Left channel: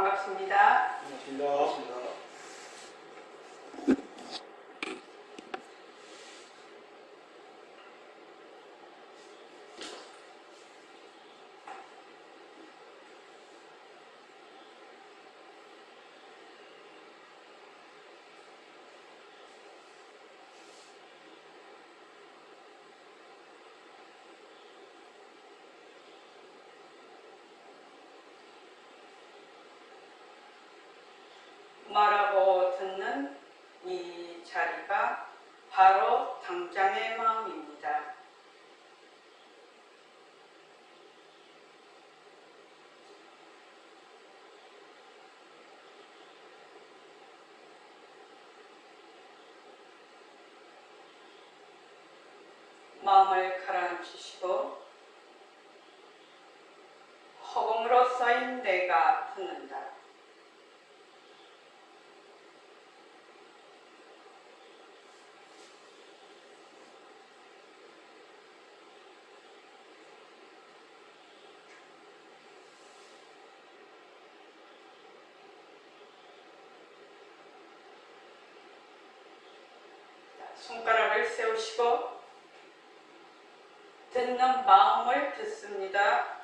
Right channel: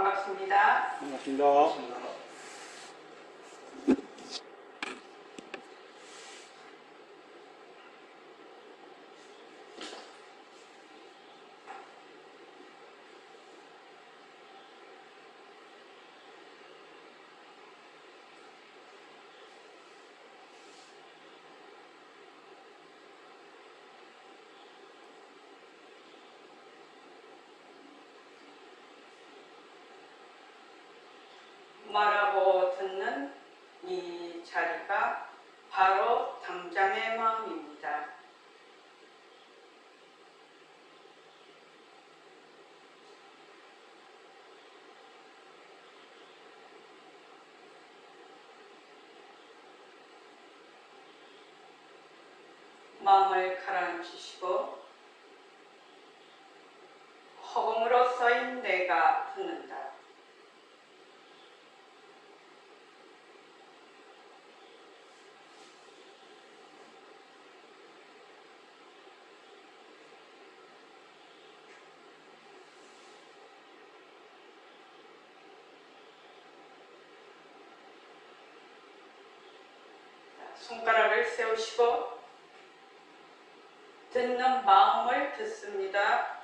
반갑습니다. 반갑습니다. 말하고 듣는 이 자리가 바로 당장의 마음입니다. 마음을 가라앉히시고 허공으로 써인 내가 듣는다. 손가락을 세우시고 듣는 마음을 듣습니다.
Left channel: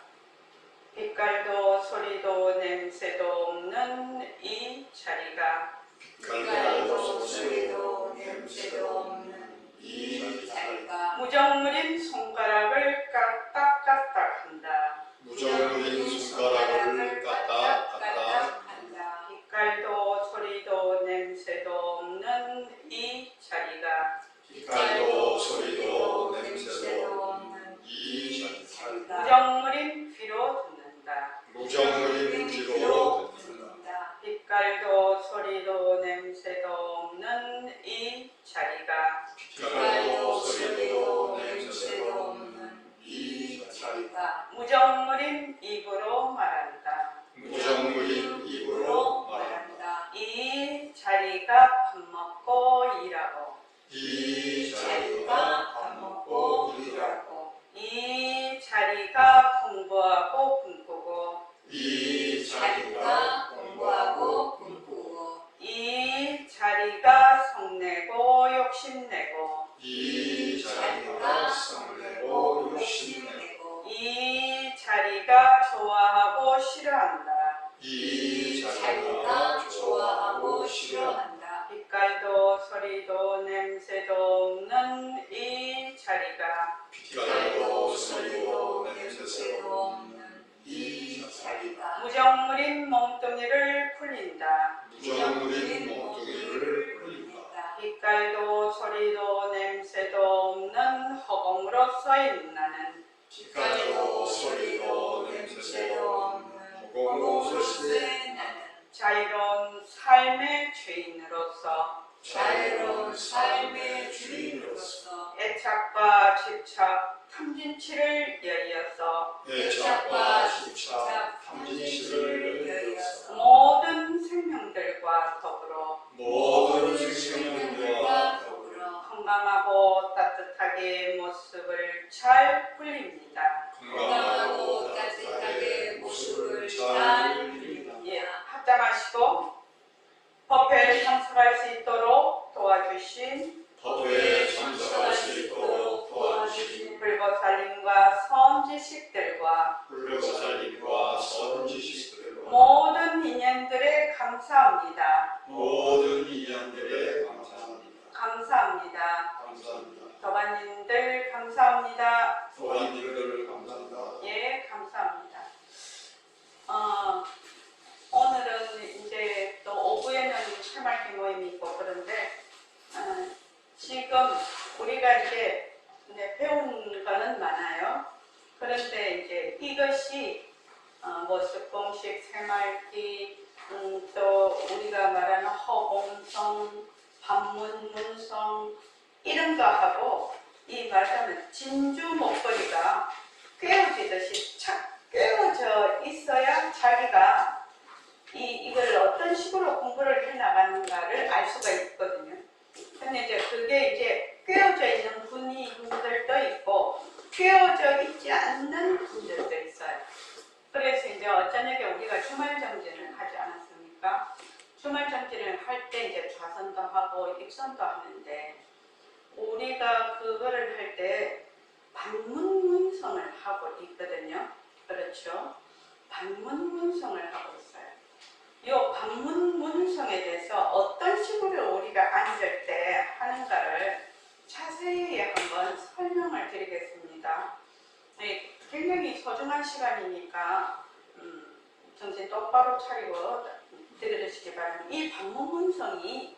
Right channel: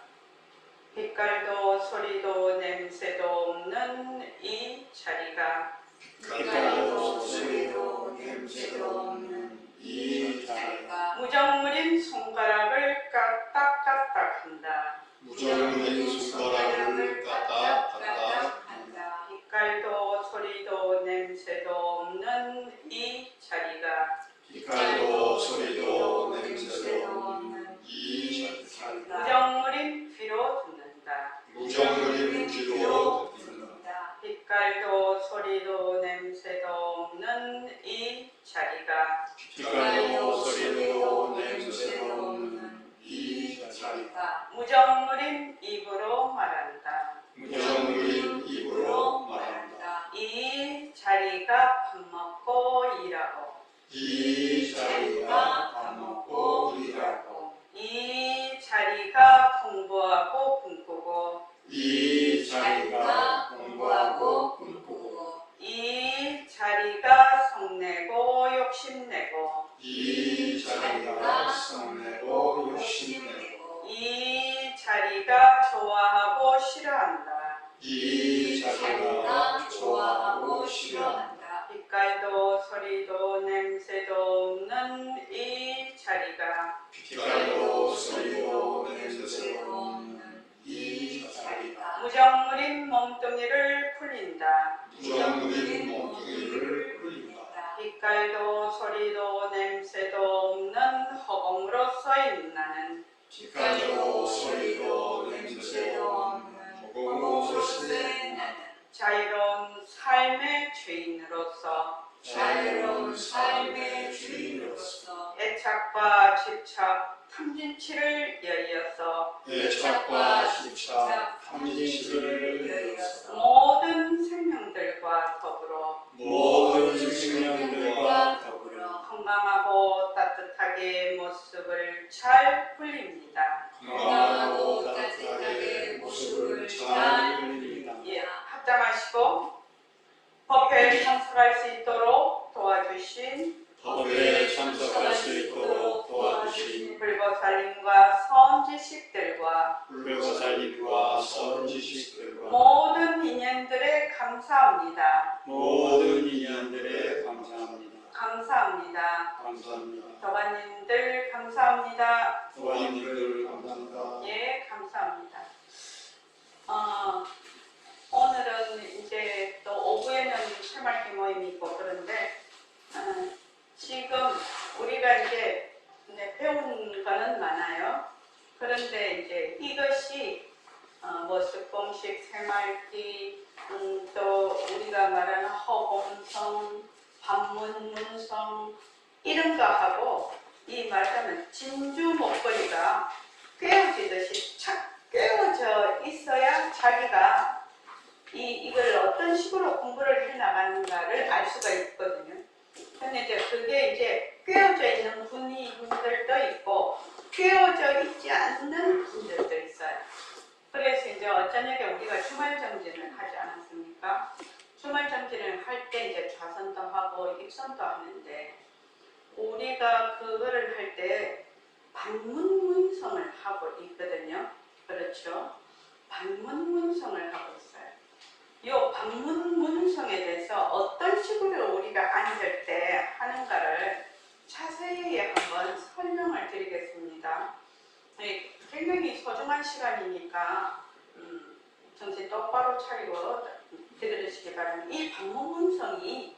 빛깔도 소리도 냄새도 없는 이 자리가 빛깔도 소리도 냄새도 없는 이 자리가 무정무린 손가락을 까딱까딱한다. 무정무린 손가락을 까딱까딱한다. 빛깔도 소리도 냄새도 없는 이 자리가 빛깔도 소리도 냄새도 없는 이 자리가 무정무린 귀로 듣는다. 무정무린 귀로 듣는다. 빛깔도 소리도 냄새도 없는 이 자리가 빛깔도 소리도 냄새도 없는 이 자리가 무정무린 입으로 말한다. 무정무린 입으로 말한다. 이 자리가 밥 먹고 일하고 이 자리가 밥 먹고 일하고 이 자리가 공부하고 꿈꾸고 이 자리가 공부하고 꿈꾸고 이 자리가 성내고 욕심내고 이 자리가 성내고 욕심내고 이 자리가 좋아하고 싫어한다. 이 자리가 좋아하고 싫어한다. 빛깔도 소리도 냄새도 없는 이 자리가 빛깔도 소리도 냄새도 없는 이 자리가 무정무린 몸뚱이를 풀린다. 무정무린 몸뚱이를 풀린다. 빛깔도 소리도 냄새도 없는 허공으로 써인 나는 빛깔도 소리도 냄새도 없는 허공으로 쓰인 나는 자유로운 삶의 죄인으로서 자유로운 삶의 주인으로서 애착과 집착, 탐진치를 여의어서 애착과 집착, 탐진치를 여의어서 모든 생명들과 더불어 모든 생명들과 더불어 건강하고 따뜻하게 모습을 잘 풀립니다. 건강하고 따뜻하게 모습을 잘 풀립니다. 예, 합장하시고 법회에 참석할 수 있도록 도와주신 법회에 참석할 수 있도록 도와주신 불보살님과 선지식들과 불교사님과 선지식들과 모든 인연들에 감사합니다. 모든 인연들에 감사합니다. 감사합니다. 감사합니다. 도반님들 감사합니다. 도와님들 감사합니다. 예, 감사합니다. 오늘은 이제 또 오후에는 새말기 모임이 있고 그런데 지금 우리가 이제 배운 거는 많아요. 그런데 이제 이것이 모습공식, 새말기, 또 우리가 말하는 허공성, 반문, 문성 이런 거하고 이 말하자면 진주 목걸이가 꿰어지듯이 착 꿰어져 있어야 자기가 이걸 어떤 식으로 공부를 해 나가는가를 알 수가 있거든요. 근데 이제 그게 이제 꿰어져 있는 분들도 있고 꿰어져 있지 않는 분들도 있어요. 그래서 이제 이제 어저녁에 우리가 주말 정진을 하지 않았습니까? 주말 정진을 할 때 이제 좌선도 하고 입선도 하는데 우리가 그거를 할 때 반문문성을 하고 있거든요. 그렇죠? 반문문성을 하고 있어요. 이 반문문성에 대해서 어떤 식으로 우리가 앉을 때 하는가를 자세히 한번 설명을 드리겠습니다. 굉장히 소중한 시간이니까 정신 똑바로 차리고 들으시기 바랍니다. 이 반문문성이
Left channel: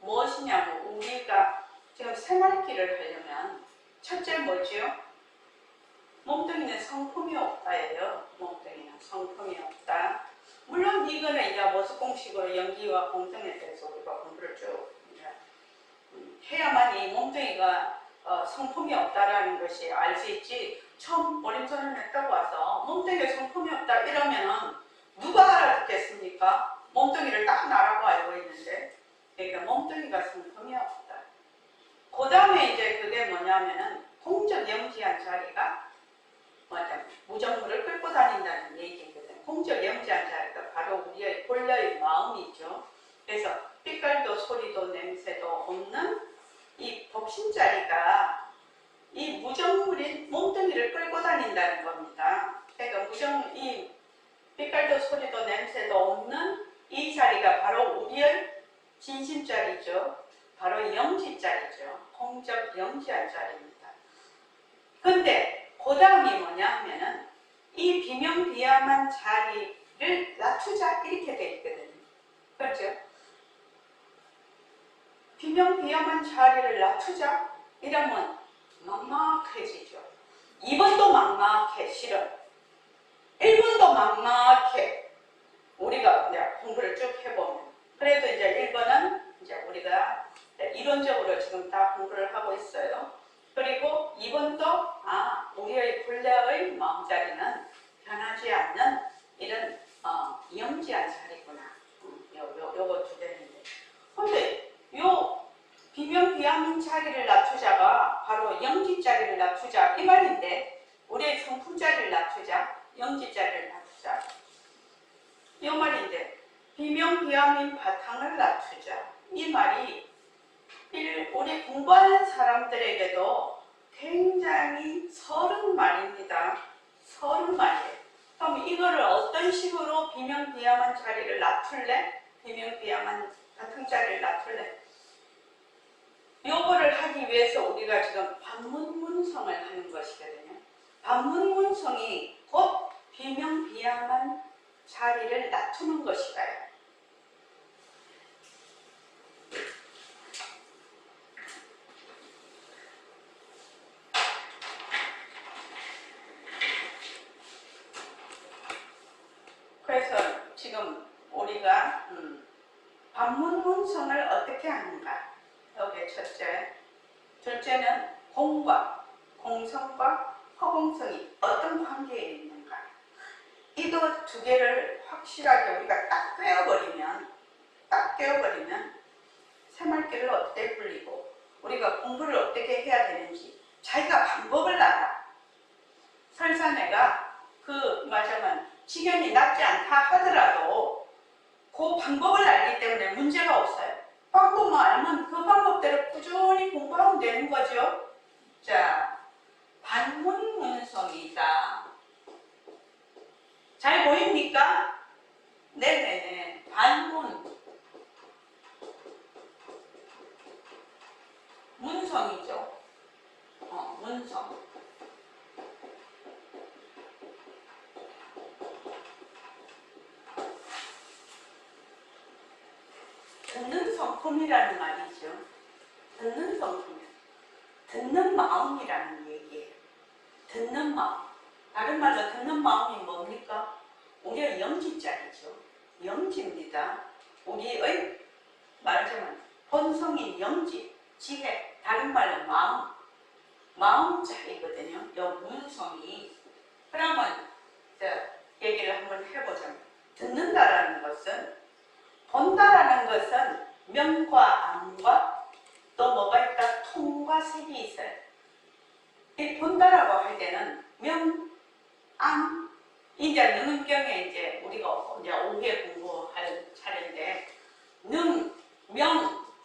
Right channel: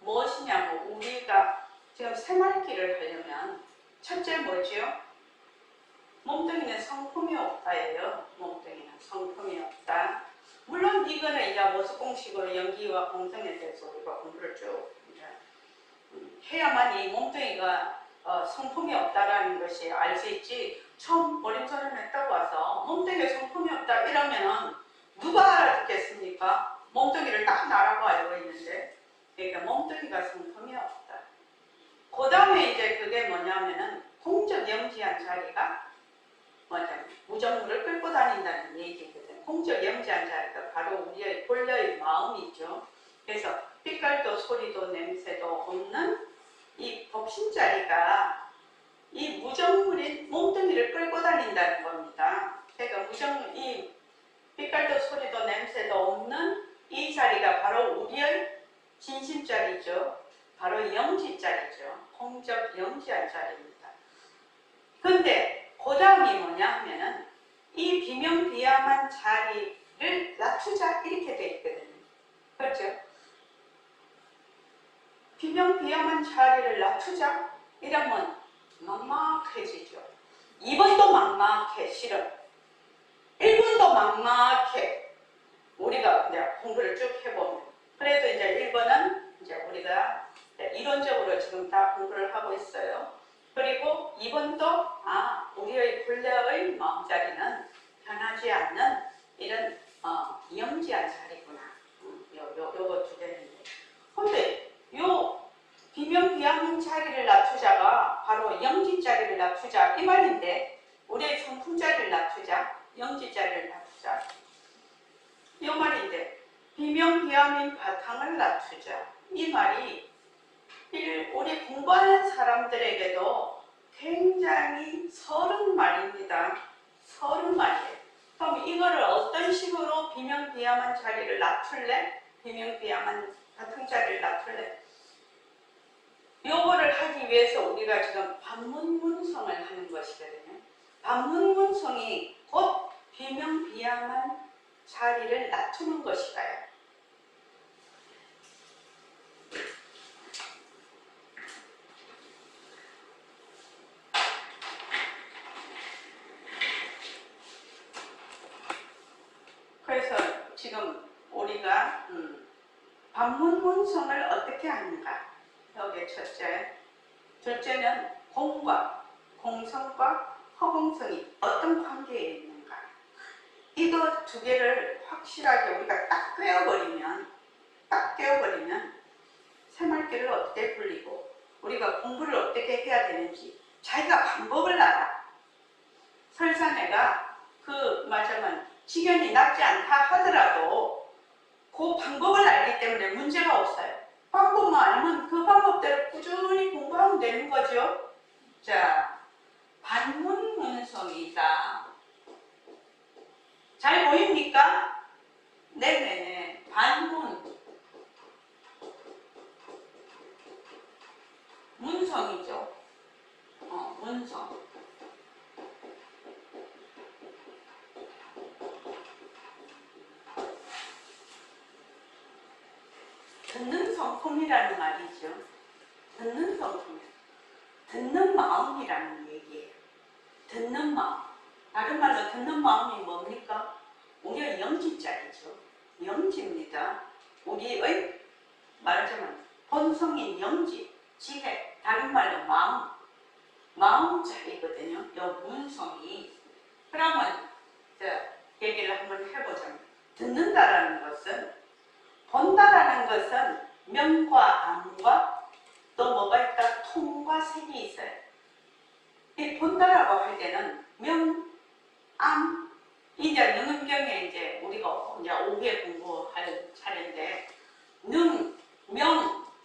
무엇이냐면 우리가 지금 생활기를 하려면 첫째 뭐지요? 몸뚱이는 성품이 없다예요. 몸뚱이는 성품이 없다. 물론 이거는 이제 모습공식으로 연기와 공성에 대해서 우리가 공부를 쭉 해야만 이 몸뚱이가 성품이 없다라는 것이 알 수 있지. 처음 어림선을 했다고 와서 몸뚱이에 성품이 없다 이러면은 누가 알았겠습니까? 몸뚱이를 딱 나라고 알고 있는데, 그러니까 몸뚱이가 성품이 없다. 그 다음에 이제 그게 뭐냐면은 공적 영지한 자리가 무정물을 끌고 다닌다는 얘기거든. 공적 영지한 자리가 바로 우리의 본래의 마음이죠. 그래서 빛깔도 소리도 냄새도 없는 이 법신자리가 이 무정물인 몸뚱이를 끌고 다닌다는 겁니다. 그러니까 이 빛깔도 소리도 냄새도 없는 이 자리가 바로 우리의 진심자리죠. 바로 영지자리죠. 공적 영지한 자리입니다. 근데 그 다음이 뭐냐 하면은 이 비명비암한 자리를 낮추자 이렇게 돼 있거든요. 그렇죠? 비명비암한 자리를 낮추자 이러면 막막해지죠. 2번도 막막해 실은 1번도 막막해. 우리가 이제 공부를 쭉 해보면 그래도 이제 1번은 이제 우리가 이론적으로 지금 다 공부를 하고 있어요. 그리고 2번도 우리의 본래의 마음자리는 변하지 않는 이런 영지한 자리구나. 요거 두 개인데. 근데 요 비명비암한 자리를 낮추자가 바로 영지자리를 낮추자 이 말인데 우리의 성품자리를 낮추자, 영지자리를 낮추자 이 말인데 비명비암인 바탕을 낮추자 이 말이 우리 공부하는 사람들에게도 굉장히 서른 말입니다. 서른 말이에요. 그럼 이거를 어떤 식으로 비명비암한 자리를 낮출래? 비명비암한 바탕자리를 낮출래? 요거를 하기 위해서 우리가 지금 반문문성을 하는 것이거든요. 반문문성이 곧 비명비암한 자리를 낮추는 것이다요. 그래서 지금 우리가 반문문성을 어떻게 하는가? 여기 첫째, 둘째는 공과 공성과 허공성이 어떤 관계에 있는가? 이거 두 개를 확실하게 우리가 딱 꿰어버리면 새말귀를 어떻게 굴리고 우리가 공부를 어떻게 해야 되는지 자기가 방법을 알아. 설사 내가 그 말하자면 지견이 낮지 않다 하더라도 그 방법을 알기 때문에 문제가 없어요. 방법만 알면 그 방법대로 꾸준히 공부하면 되는 거죠. 자, 반문문성이다. 잘 보입니까? 네네네. 반문. 문성이죠. 문성. 듣는 성품이라는 말이죠. 듣는 성품. 듣는 마음이라는 얘기예요. 듣는 마음. 다른 말로 듣는 마음이 뭡니까? 우리의 영지자리죠. 영지입니다. 우리의 말하자면 본성인 영지, 지혜, 다른 말로 마음. 마음자리거든요. 이 문성이. 그러면 얘기를 한번 해보자면 듣는다라는 것은 본다라는 것은 명과 암과 또 뭐가 있다? 통과 색이 있어요. 이 본다라고 할 때는 명, 암, 이제 능은경에 이제 우리가 이제 오후에 공부할 차례인데 명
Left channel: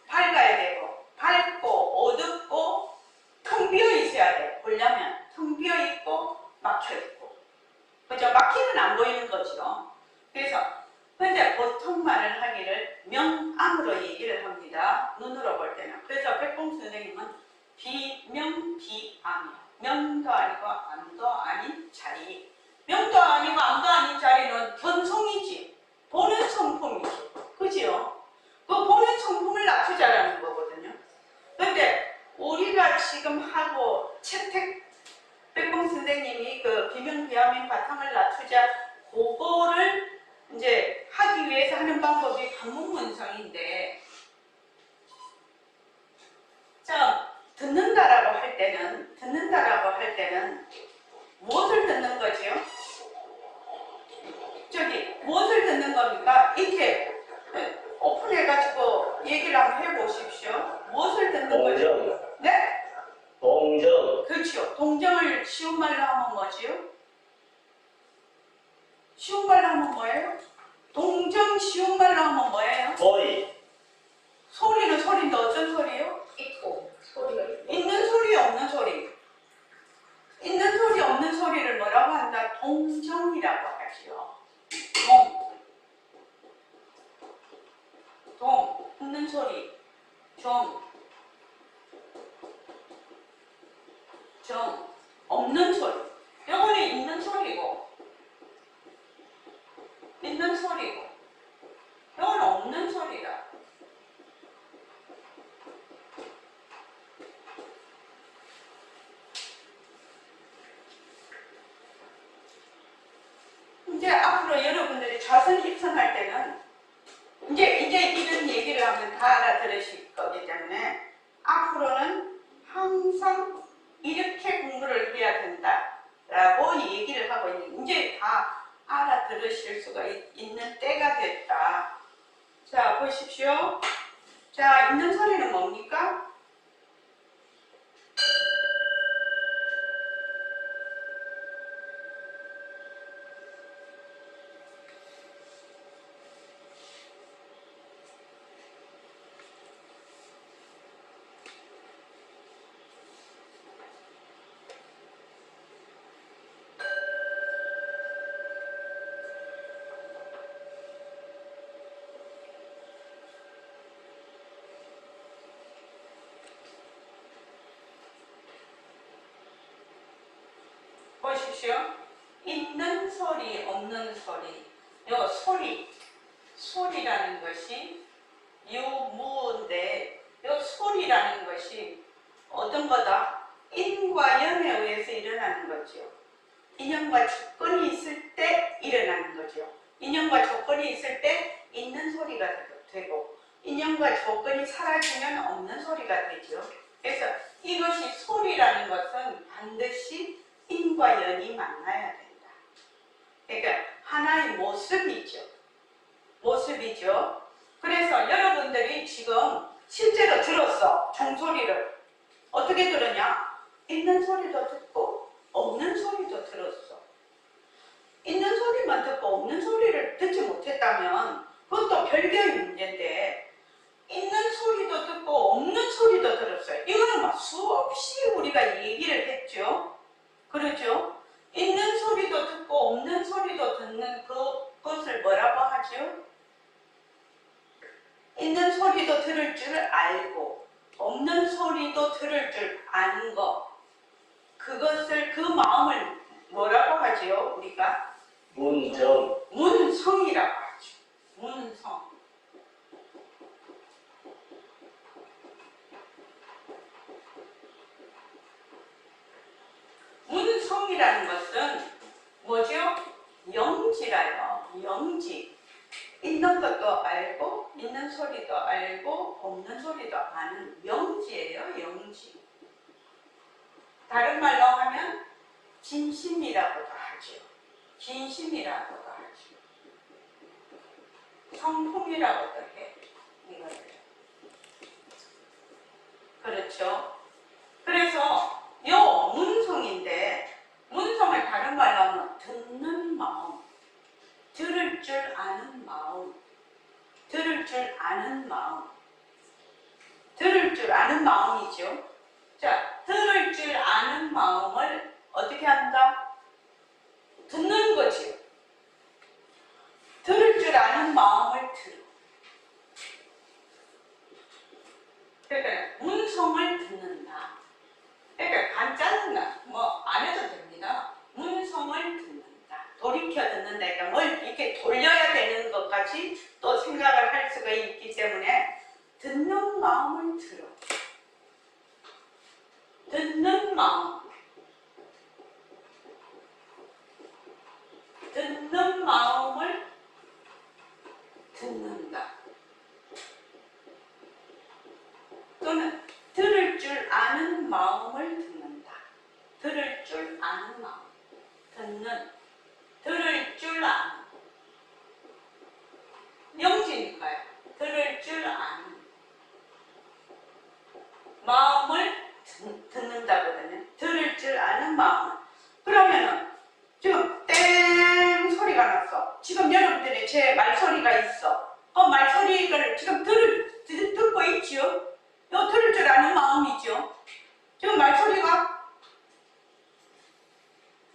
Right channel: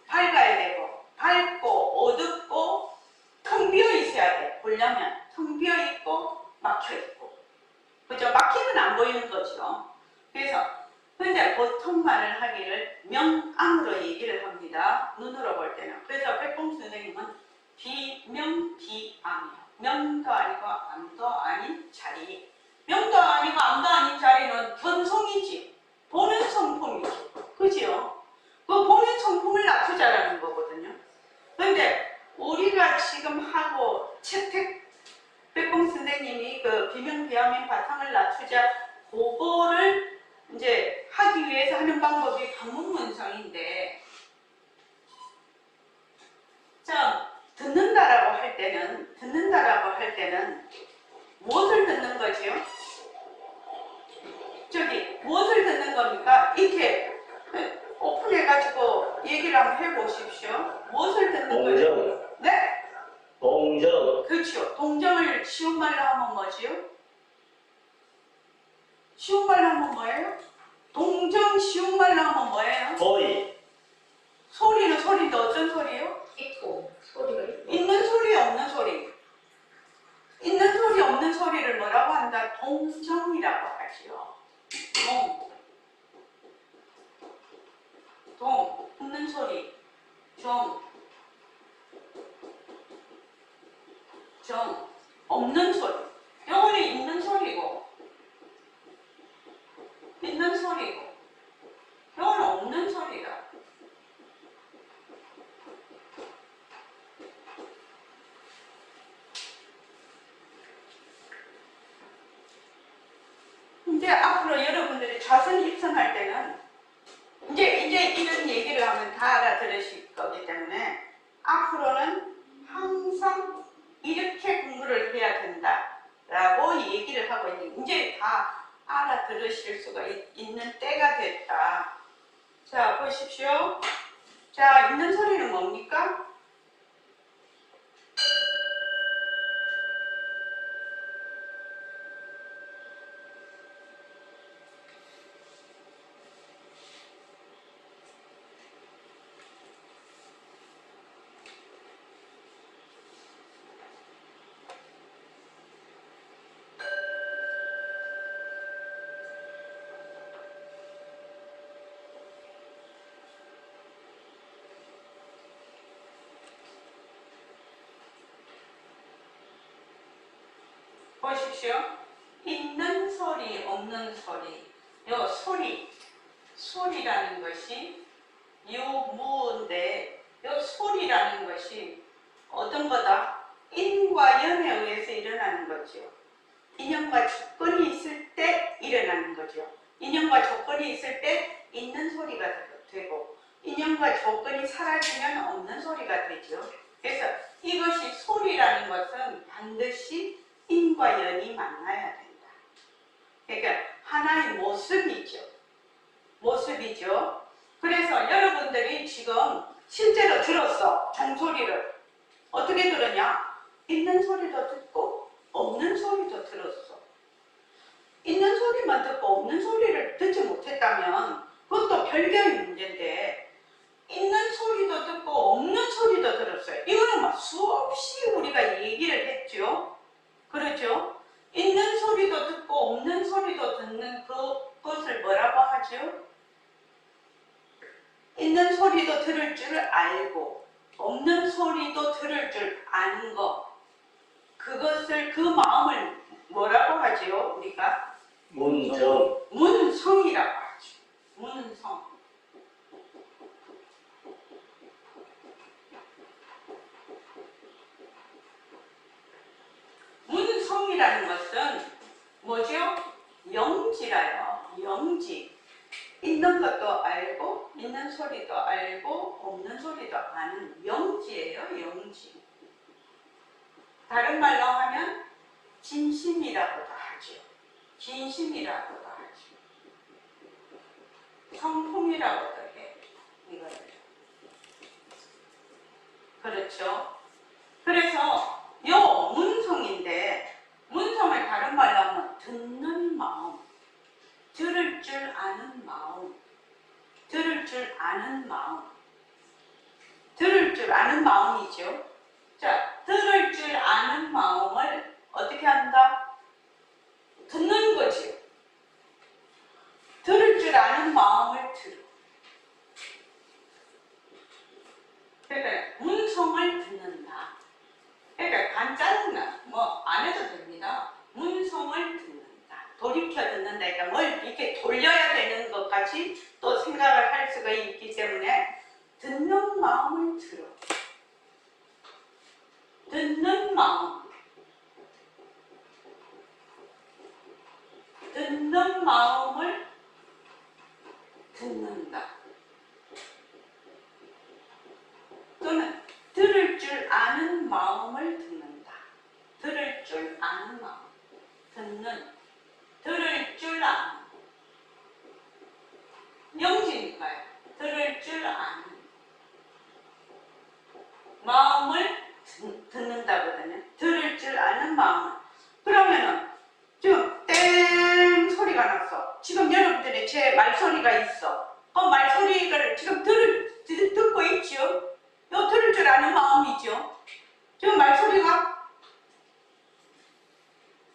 밝아야 되고 밝고 어둡고 텅 비어 있어야 돼. 보려면 텅 비어 있고 막혀 있고. 그죠? 막히면 안 보이는 거죠. 그래서 근데 보통 말을 하기를 명암으로 얘기를 합니다. 눈으로 볼 때는. 그래서 백봉 선생님은 비명비암이에요. 명도 아니고 암도 아닌 자리. 명도 아니고 암도 아닌 자리는 견성이지. 보는 성품이지. 그죠? 그 보는 성품을 낮추자라는 거거든요. 근데 우리가 지금 하고 채택 백봉 선생님이 그 비명비암의 바탕을 낮추자 그거를 이제 하기 위해서 하는 방법이 방문문성인데, 자, 듣는다라고 할 때는 무엇을 듣는 거지요? 저기 무엇을 듣는 겁니까? 이렇게 오픈해가지고 얘기를 한번 해보십시오. 무엇을 듣는 거죠? 동정. 네? 동정. 그렇죠. 동정을 쉬운 말로 하면 뭐지요? 쉬운 말로 하면 뭐예요? 동정 쉬운 말로 하면 뭐예요? 소리. 소리는 소리인데 어떤 소리요? 있고 소리가 있고 있는 소리 없는 소리. 있는 소리 없는 소리를 뭐라고 한다? 동정이라고 하지요. 있는 소리. 없는 소리. 영어는 있는 소리고 영어는 없는 소리다. 이제 앞으로 여러분들이 자선 입선할 때는 이제 이런 얘기를 하면 다 알아들으실 거기 때문에 앞으로는 항상 이렇게 공부를 해야 된다라고 얘기를 하고 있는, 이제 다 알아들으실 수가 있는 때가 됐다. 자, 보십시오. 자, 있는 소리는 뭡니까? 보십시오. 있는 소리, 없는 소리. 요 소리라는 것이 유무인데, 요 소리라는 것이 어떤 거다? 인과 연에 의해서 일어나는 거죠. 인연과 조건이 있을 때 일어나는 거죠. 인연과 조건이 있을 때 있는 소리가 되고, 인연과 조건이 사라지면 없는 소리가 되죠. 그래서 이것이 소리라는 것은 반드시 인과 연이 만나야 된다. 그러니까 하나의 모습이죠. 그래서 여러분들이 지금 실제로 들었어. 종소리를. 어떻게 들었냐? 있는 소리도 듣고 없는 소리도 들었어. 있는 소리만 듣고 없는 소리를 듣지 못했다면 그것도 별개의 문제인데, 있는 소리도 듣고 없는 소리도 들었어요. 이거는 막 수없이 우리가 얘기를 했죠. 그렇죠? 있는 소리도 듣고 없는 소리도 듣는 그것을 뭐라고 하죠? 있는 소리도 들을 줄 알고 없는 소리도 들을 줄 아는 것, 그것을, 그 마음을 뭐라고 하지요? 우리가 문성이라고 하죠. 문성. 문성이라는 것은 뭐죠? 영지라요. 영지. 있는 것도 알고 있는 소리도 알고 없는 소리도 아는 영지예요. 영지. 다른 말로 하면 진심이라고도 하죠. 진심이라고도 하죠. 성품이라고도 해. 이거를. 그렇죠? 그래서 요 문성인데, 문성을 다른 말로 하면 듣는 마음. 아는 마음. 들을 줄 아는 마음. 들을 줄 아는 마음이죠. 자, 들을 줄 아는 마음을 어떻게 한다? 듣는 거지요. 들을 줄 아는 마음을 들어. 그러니까 문성을 듣는다. 그러니까 간단한 뭐 안 해도 됩니다. 문성을 듣는다. 돌이켜 듣는다. 그러니까 뭘 이렇게 돌려야 되는 것까지 또 생각을 할 수가 있기 때문에 듣는 마음을 들어. 듣는 마음. 듣는 마음을 듣는다. 또는 들을 줄 아는 마음을 듣는다. 들을 줄 아는 마음. 듣는. 들을 줄 아는. 영지니까요. 들을 줄 아는. 마음을 듣는다거든요. 들을 줄 아는 마음. 그러면은 지금 땡 소리가 났어. 지금 여러분들이 제 말소리가 있어. 말소리를 지금 듣고 있지요? 요 들을 줄 아는 마음이죠. 지금 말소리가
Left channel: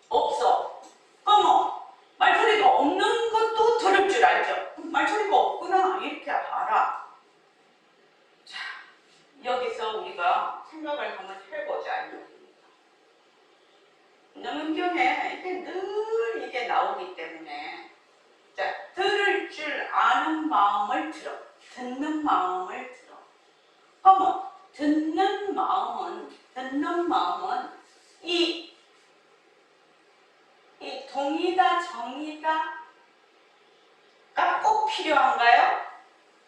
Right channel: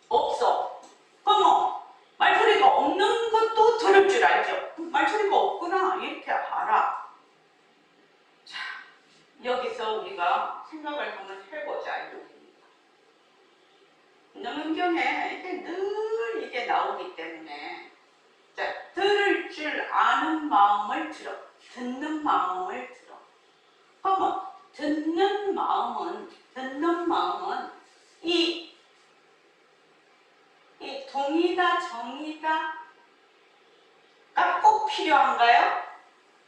없어. 말소리가 없는 것도 들을 줄 알죠. 말소리가 없구나 이렇게 알아. 자, 여기서 우리가 생각을 한번 해보자. 능경에 이게 늘 이게 나오기 때문에 자, 들을 줄 아는 마음을 들어. 듣는 마음을 들어. 듣는 마음은 이 동이다 정이다가 꼭 필요한가요?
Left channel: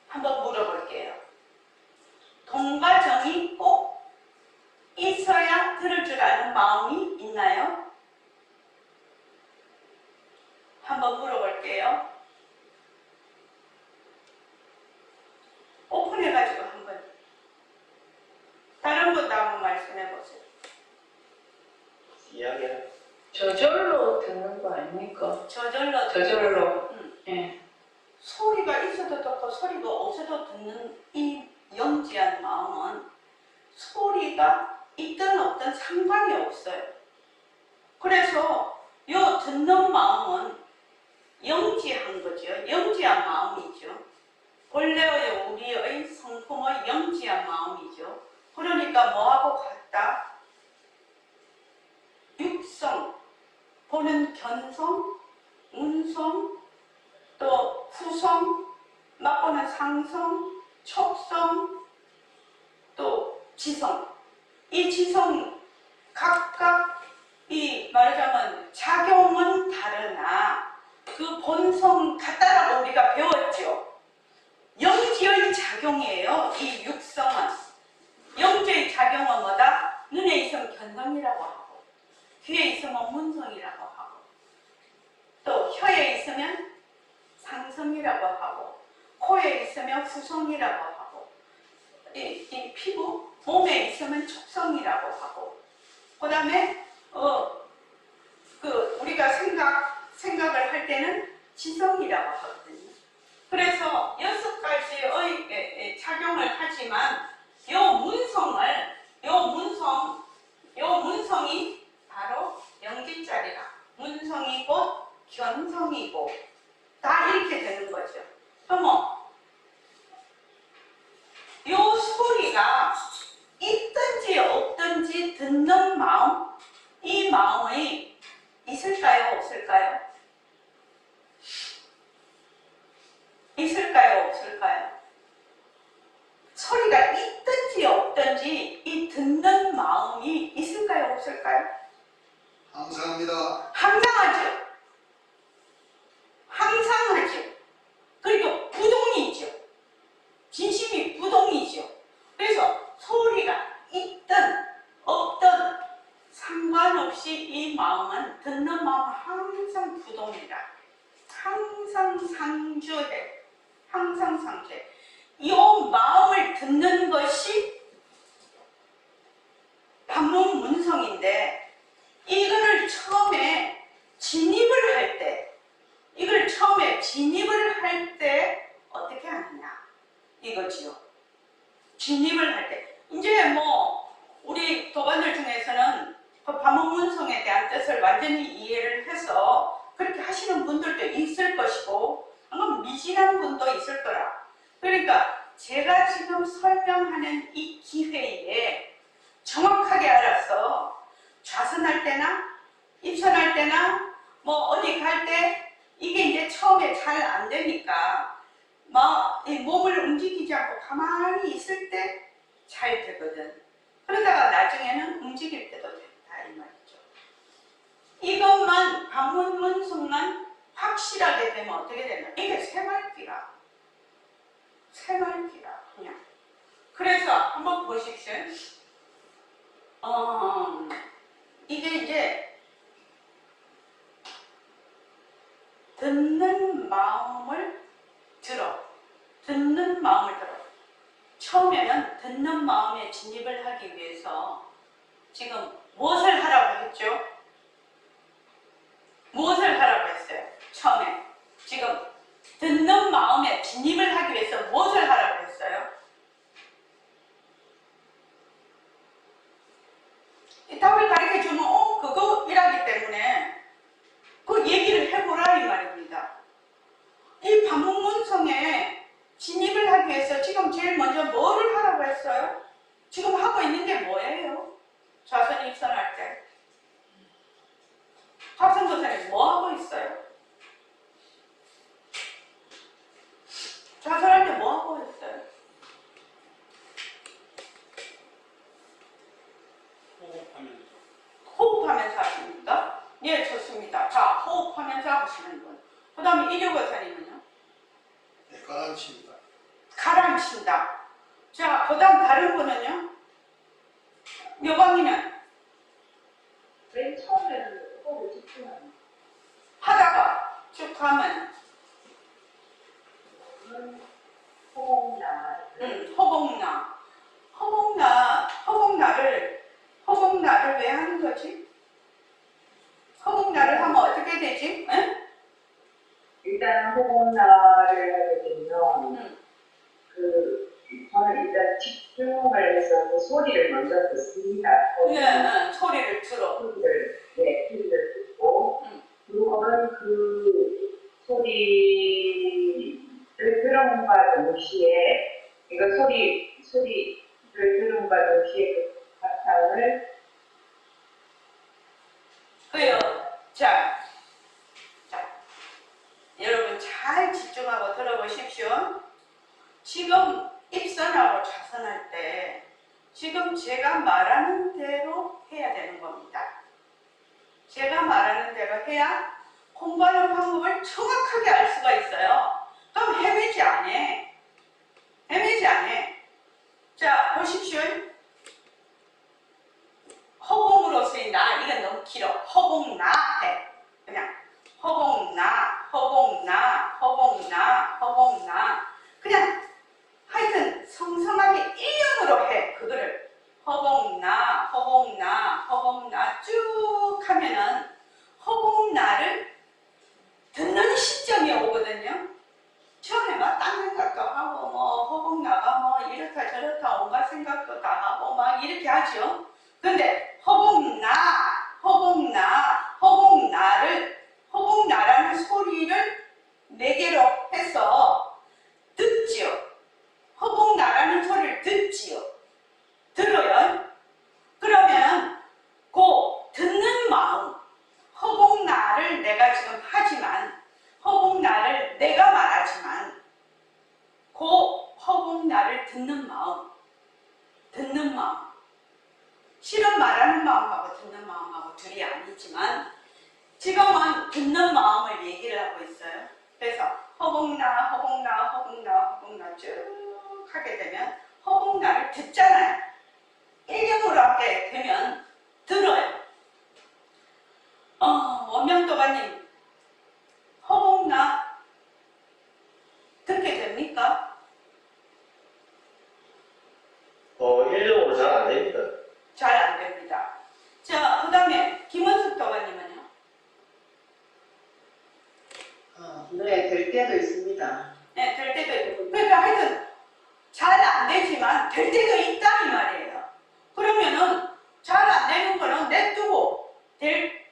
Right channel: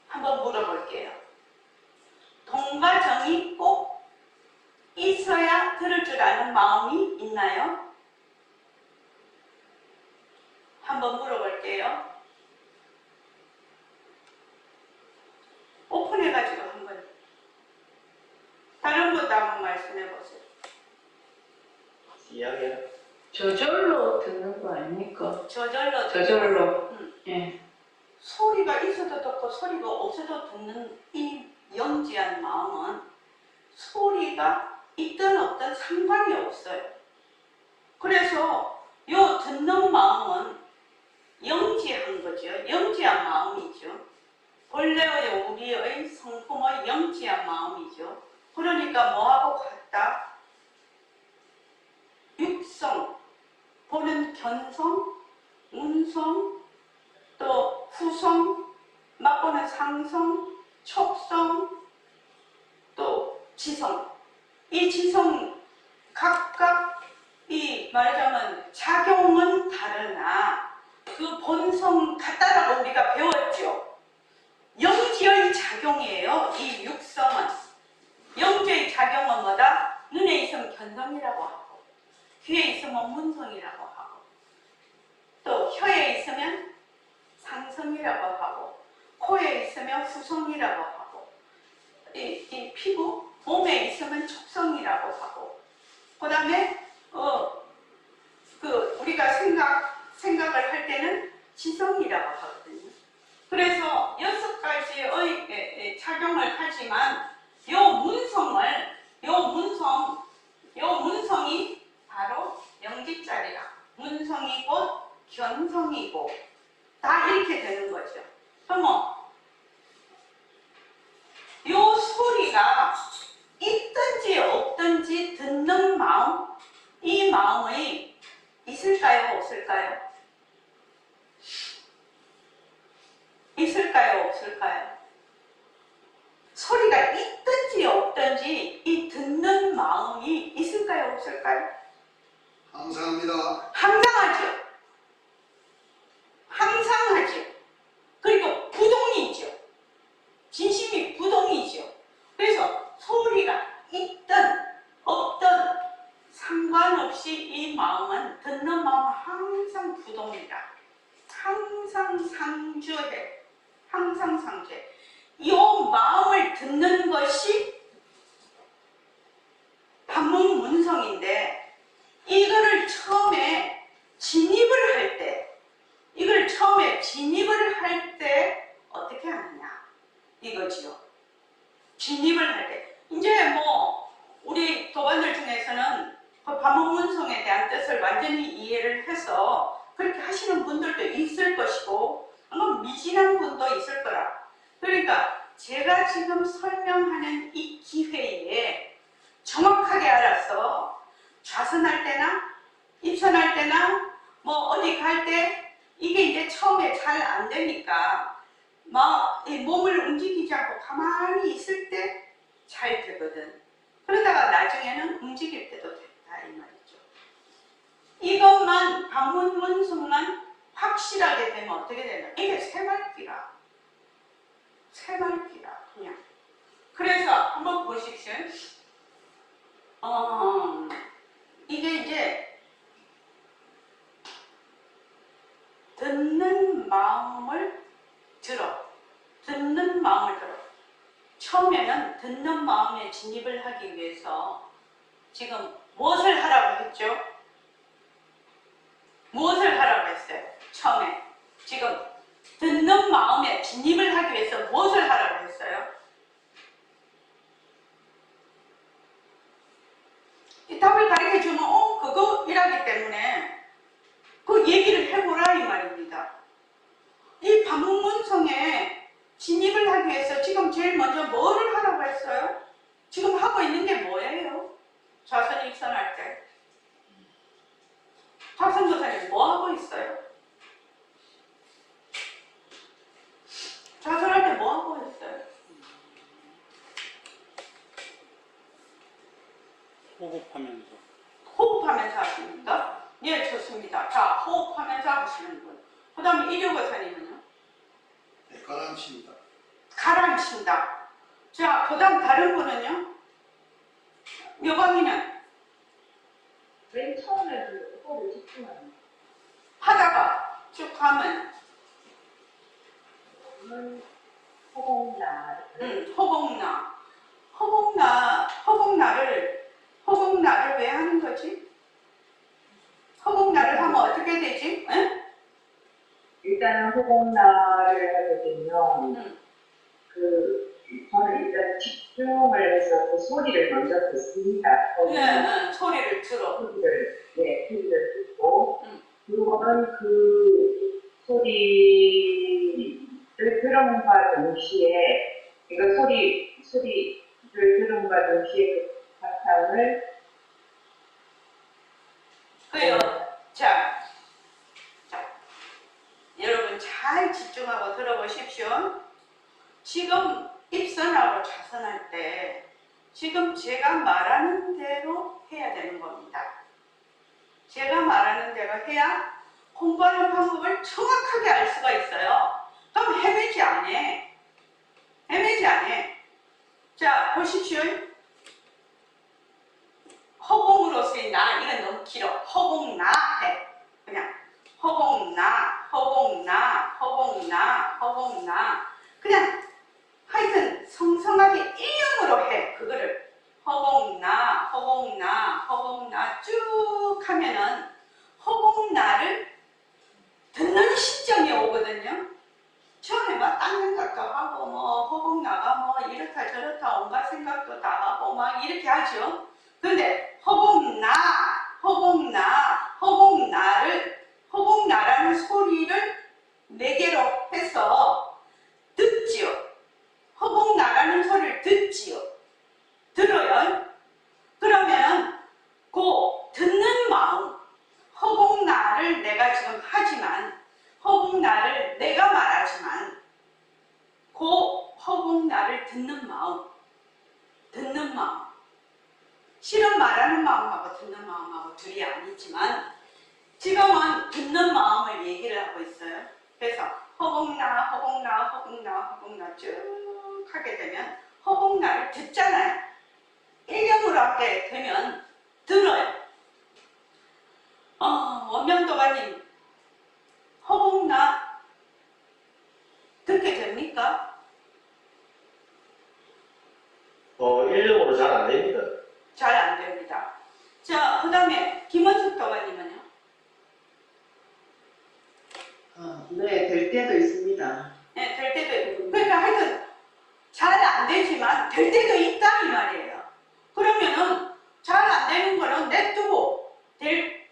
한번 물어볼게요. 동과 정이 꼭 있어야 들을 줄 아는 마음이 있나요? 한번 물어볼게요. 오픈해가지고 한번 다른 분도 한번 말씀해보세요. 이야기야. 저절로 듣는 거 아닙니까? 저절로. 예. 소리가 있어도 듣고 소리가 없어도 듣는 이 영지한 마음은 소리가 있든 없든 상관이 없어요. 그래서 요 듣는 마음은 영지한 거죠. 영지한 마음이죠. 본래의 우리의 성품의 영지한 마음이죠. 그러니까 뭐하고 같다? 육성, 보는 견성, 운성, 또 후성, 맛보는 상성, 촉성, 또 지성. 이 지성 각각 이 말하자면 작용은 다르나 그 본성 같다라고 우리가 배웠죠. 영지의 작용이에요. 이 육성은. 영지의 작용은 뭐다? 눈에 있으면 견성이라고 하고 귀에 있으면 문성이라고 하고 또 혀에 있으면 상성이라고 하고 코에 있으면 후성이라고 하고 이 피부, 몸에 있으면 촉성이라고 하고 그 다음에 우리가 생각을 할 때는 지성이라고 하거든요. 그래서 6가지의 작용을 하지만 요 문성이 바로 영지자리라. 문성이 곧 견성이고 다 이렇게 되는 거죠. 그러면 요 소리가 있든지 없든지 듣는 마음, 이 마음이 있을까요? 없을까요? 있을까요? 없을까요? 소리가 있든지 없든지 이 듣는 마음이 있을까요? 없을까요? 항상합니다. 항상하죠. 항상하죠. 그리고 부동이죠. 진심이 부동이죠. 그래서 소리가 있든 없든 상관없이 이 마음은 듣는 마음은 항상 부동이다. 항상 상주해. 항상 상주해. 이 마음을 듣는 것이 방문 문성인데 이거를 처음에 진입을 할 때 대한 뜻을 완전히 이해를 해서 그렇게 하시는 분들도 있을 것이고 아마 미진한 분도 있을 거라. 그러니까 제가 지금 설명하는 이 기회에 정확하게 알아서 좌선할 때나 입선할 때나 뭐 어디 갈 때 이게 이제 처음에 잘 안 되니까 막 이 몸을 움직이지 않고 가만히 있을 때 잘 되거든. 그러다가 나중에는 움직일 때도 된다 이 말이죠. 이것만 방문문숙만 확실하게 되면 어떻게 되나? 이게 새말귀라. 새말귀라 그냥. 그래서 한번 보십시오. 이게 이제 듣는 마음을 들어. 듣는 마음을 들어. 처음에는 듣는 마음에 진입을 하기 위해서 지금 무엇을 하라고 했죠? 무엇을 하라고 했어요? 처음에. 지금 듣는 마음에 진입을 하기 위해서 무엇을 하라고 했어요? 이 답을 가르쳐주면 그거 이라기 때문에 그 얘기를 해보라 이 말입니다. 이 반문문성에 진입을 하기 위해서 지금 제일 먼저 뭐를 하라고 했어요? 지금 하고 있는 게 뭐예요? 좌선 입선할 때 좌선거선이 뭐 하고 있어요? 좌선할 때 뭐 하고 있어요? 호흡하면서. 호흡하면서 하십니까? 예, 좋습니다. 자, 호흡하면서 하시는 분. 그 다음에 이륙거선이면요? 네, 가라앉힙니다. 가라앉힌다. 자, 그 다음 다른 분은요? 묘광이는 맨 처음에도 호흡을 집중하는 하다가 쭉 가면 호흡나 허공나를 왜 하는 거지? 허공나를 하면 어떻게 되지? 응? 일단 호흡나를 하게 되면 저는 일단 집중을 해서 그 소리를 먼저 듣습니다. 소리를 들어. 소리를 듣고 그리고는 그 소리를 들음과 동시에 소리를 들음과 동시에 그 바탕을 그래요. 자, 여러분 잘 집중하고 들어보십시오. 지금 입선하고 좌선할 때 지금 제가 말하는 대로 해야 되는 겁니다. 제가 말하는 대로 해야 공부하는 방법을 정확하게 알 수가 있어요. 그럼 헤매지 않아. 자, 보십시오. 허공으로서의 나, 이건 너무 길어. 허공나 해. 그냥 허공나. 그냥 하여튼 성성하게 일형으로 해. 그거를 허공나 쭉 하면은 허공나를 듣는 시점이 오거든요. 처음에 막 딴 생각도 하고 뭐 허공나가 뭐 이렇다 저렇다 온갖 생각도 다 하고 막 이렇게 하죠. 근데 허공나라는 소리를 네 개로 해서 듣지요. 허공나라는 소리를 듣지요. 들어요. 그러면 그 듣는 마음, 허공나를 내가 지금 하지만 허공나를 내가 말하지만 그 허공나를 듣는 마음 실은 말하는 마음하고 듣는 마음하고 둘이 아니지만 지금은 듣는 마음을 얘기를 하고 있어요. 그래서 허공나 쭉 하게 되면 허공나를 듣잖아요. 일령으로 하게 되면 들어요. 원명도가님 허공나 듣게 됩니까? 일용으로 잘 안 됩니다. 잘 안 됩니다. 자, 그 다음에 김원숙 도가님은요? 네, 될 때도 있습니다. 네, 될 때도 있고. 그러니까 하여튼 잘 안 되지만 될 때도 있다 이 말이에요. 그러면은 잘 안 되는 거는 냅두고 될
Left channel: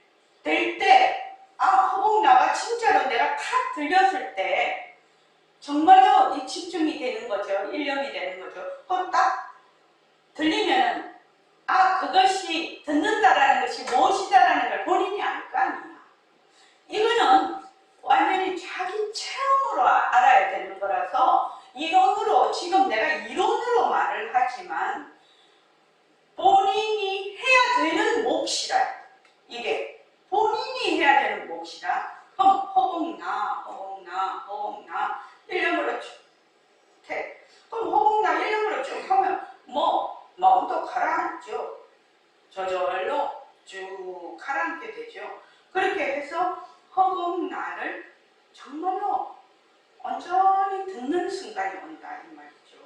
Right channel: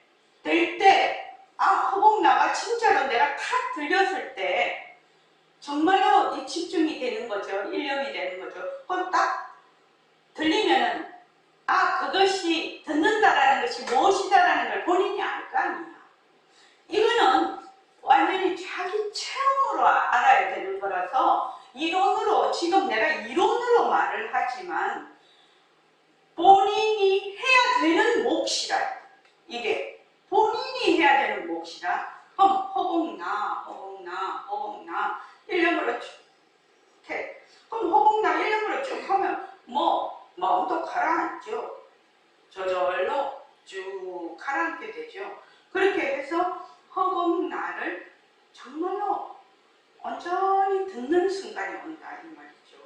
무엇이라? 그럼 허공나 일령으로 쭉 해. 그럼 허공나 일령으로 쭉 하면 뭐 마음도 가라앉죠. 저절로 쭉 가라앉게 되죠. 그렇게 해서 허공나를 정말로 온전히 듣는 순간이 온다 이 말이죠.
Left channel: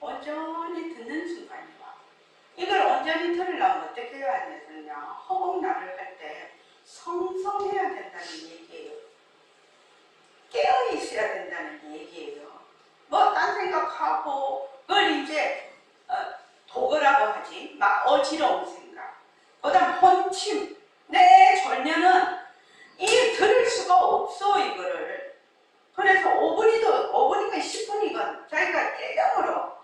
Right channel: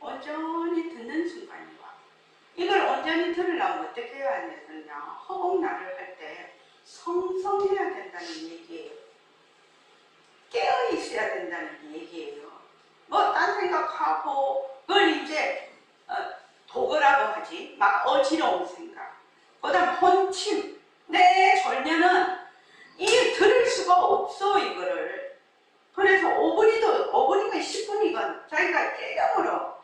온전히 듣는 순간이 와. 이걸 온전히 들으려면 어떻게 해야 되느냐? 허공나를 할 때 성성해야 된다는 얘기예요. 깨어 있어야 된다는 얘기예요. 뭐 딴 생각하고 그걸 이제 도거라고 하지. 막 어지러운 생각. 그다음 혼침. 내 졸면은 이 들을 수가 없어 이거를. 그래서 5분이건 10분이건 자기가 일념으로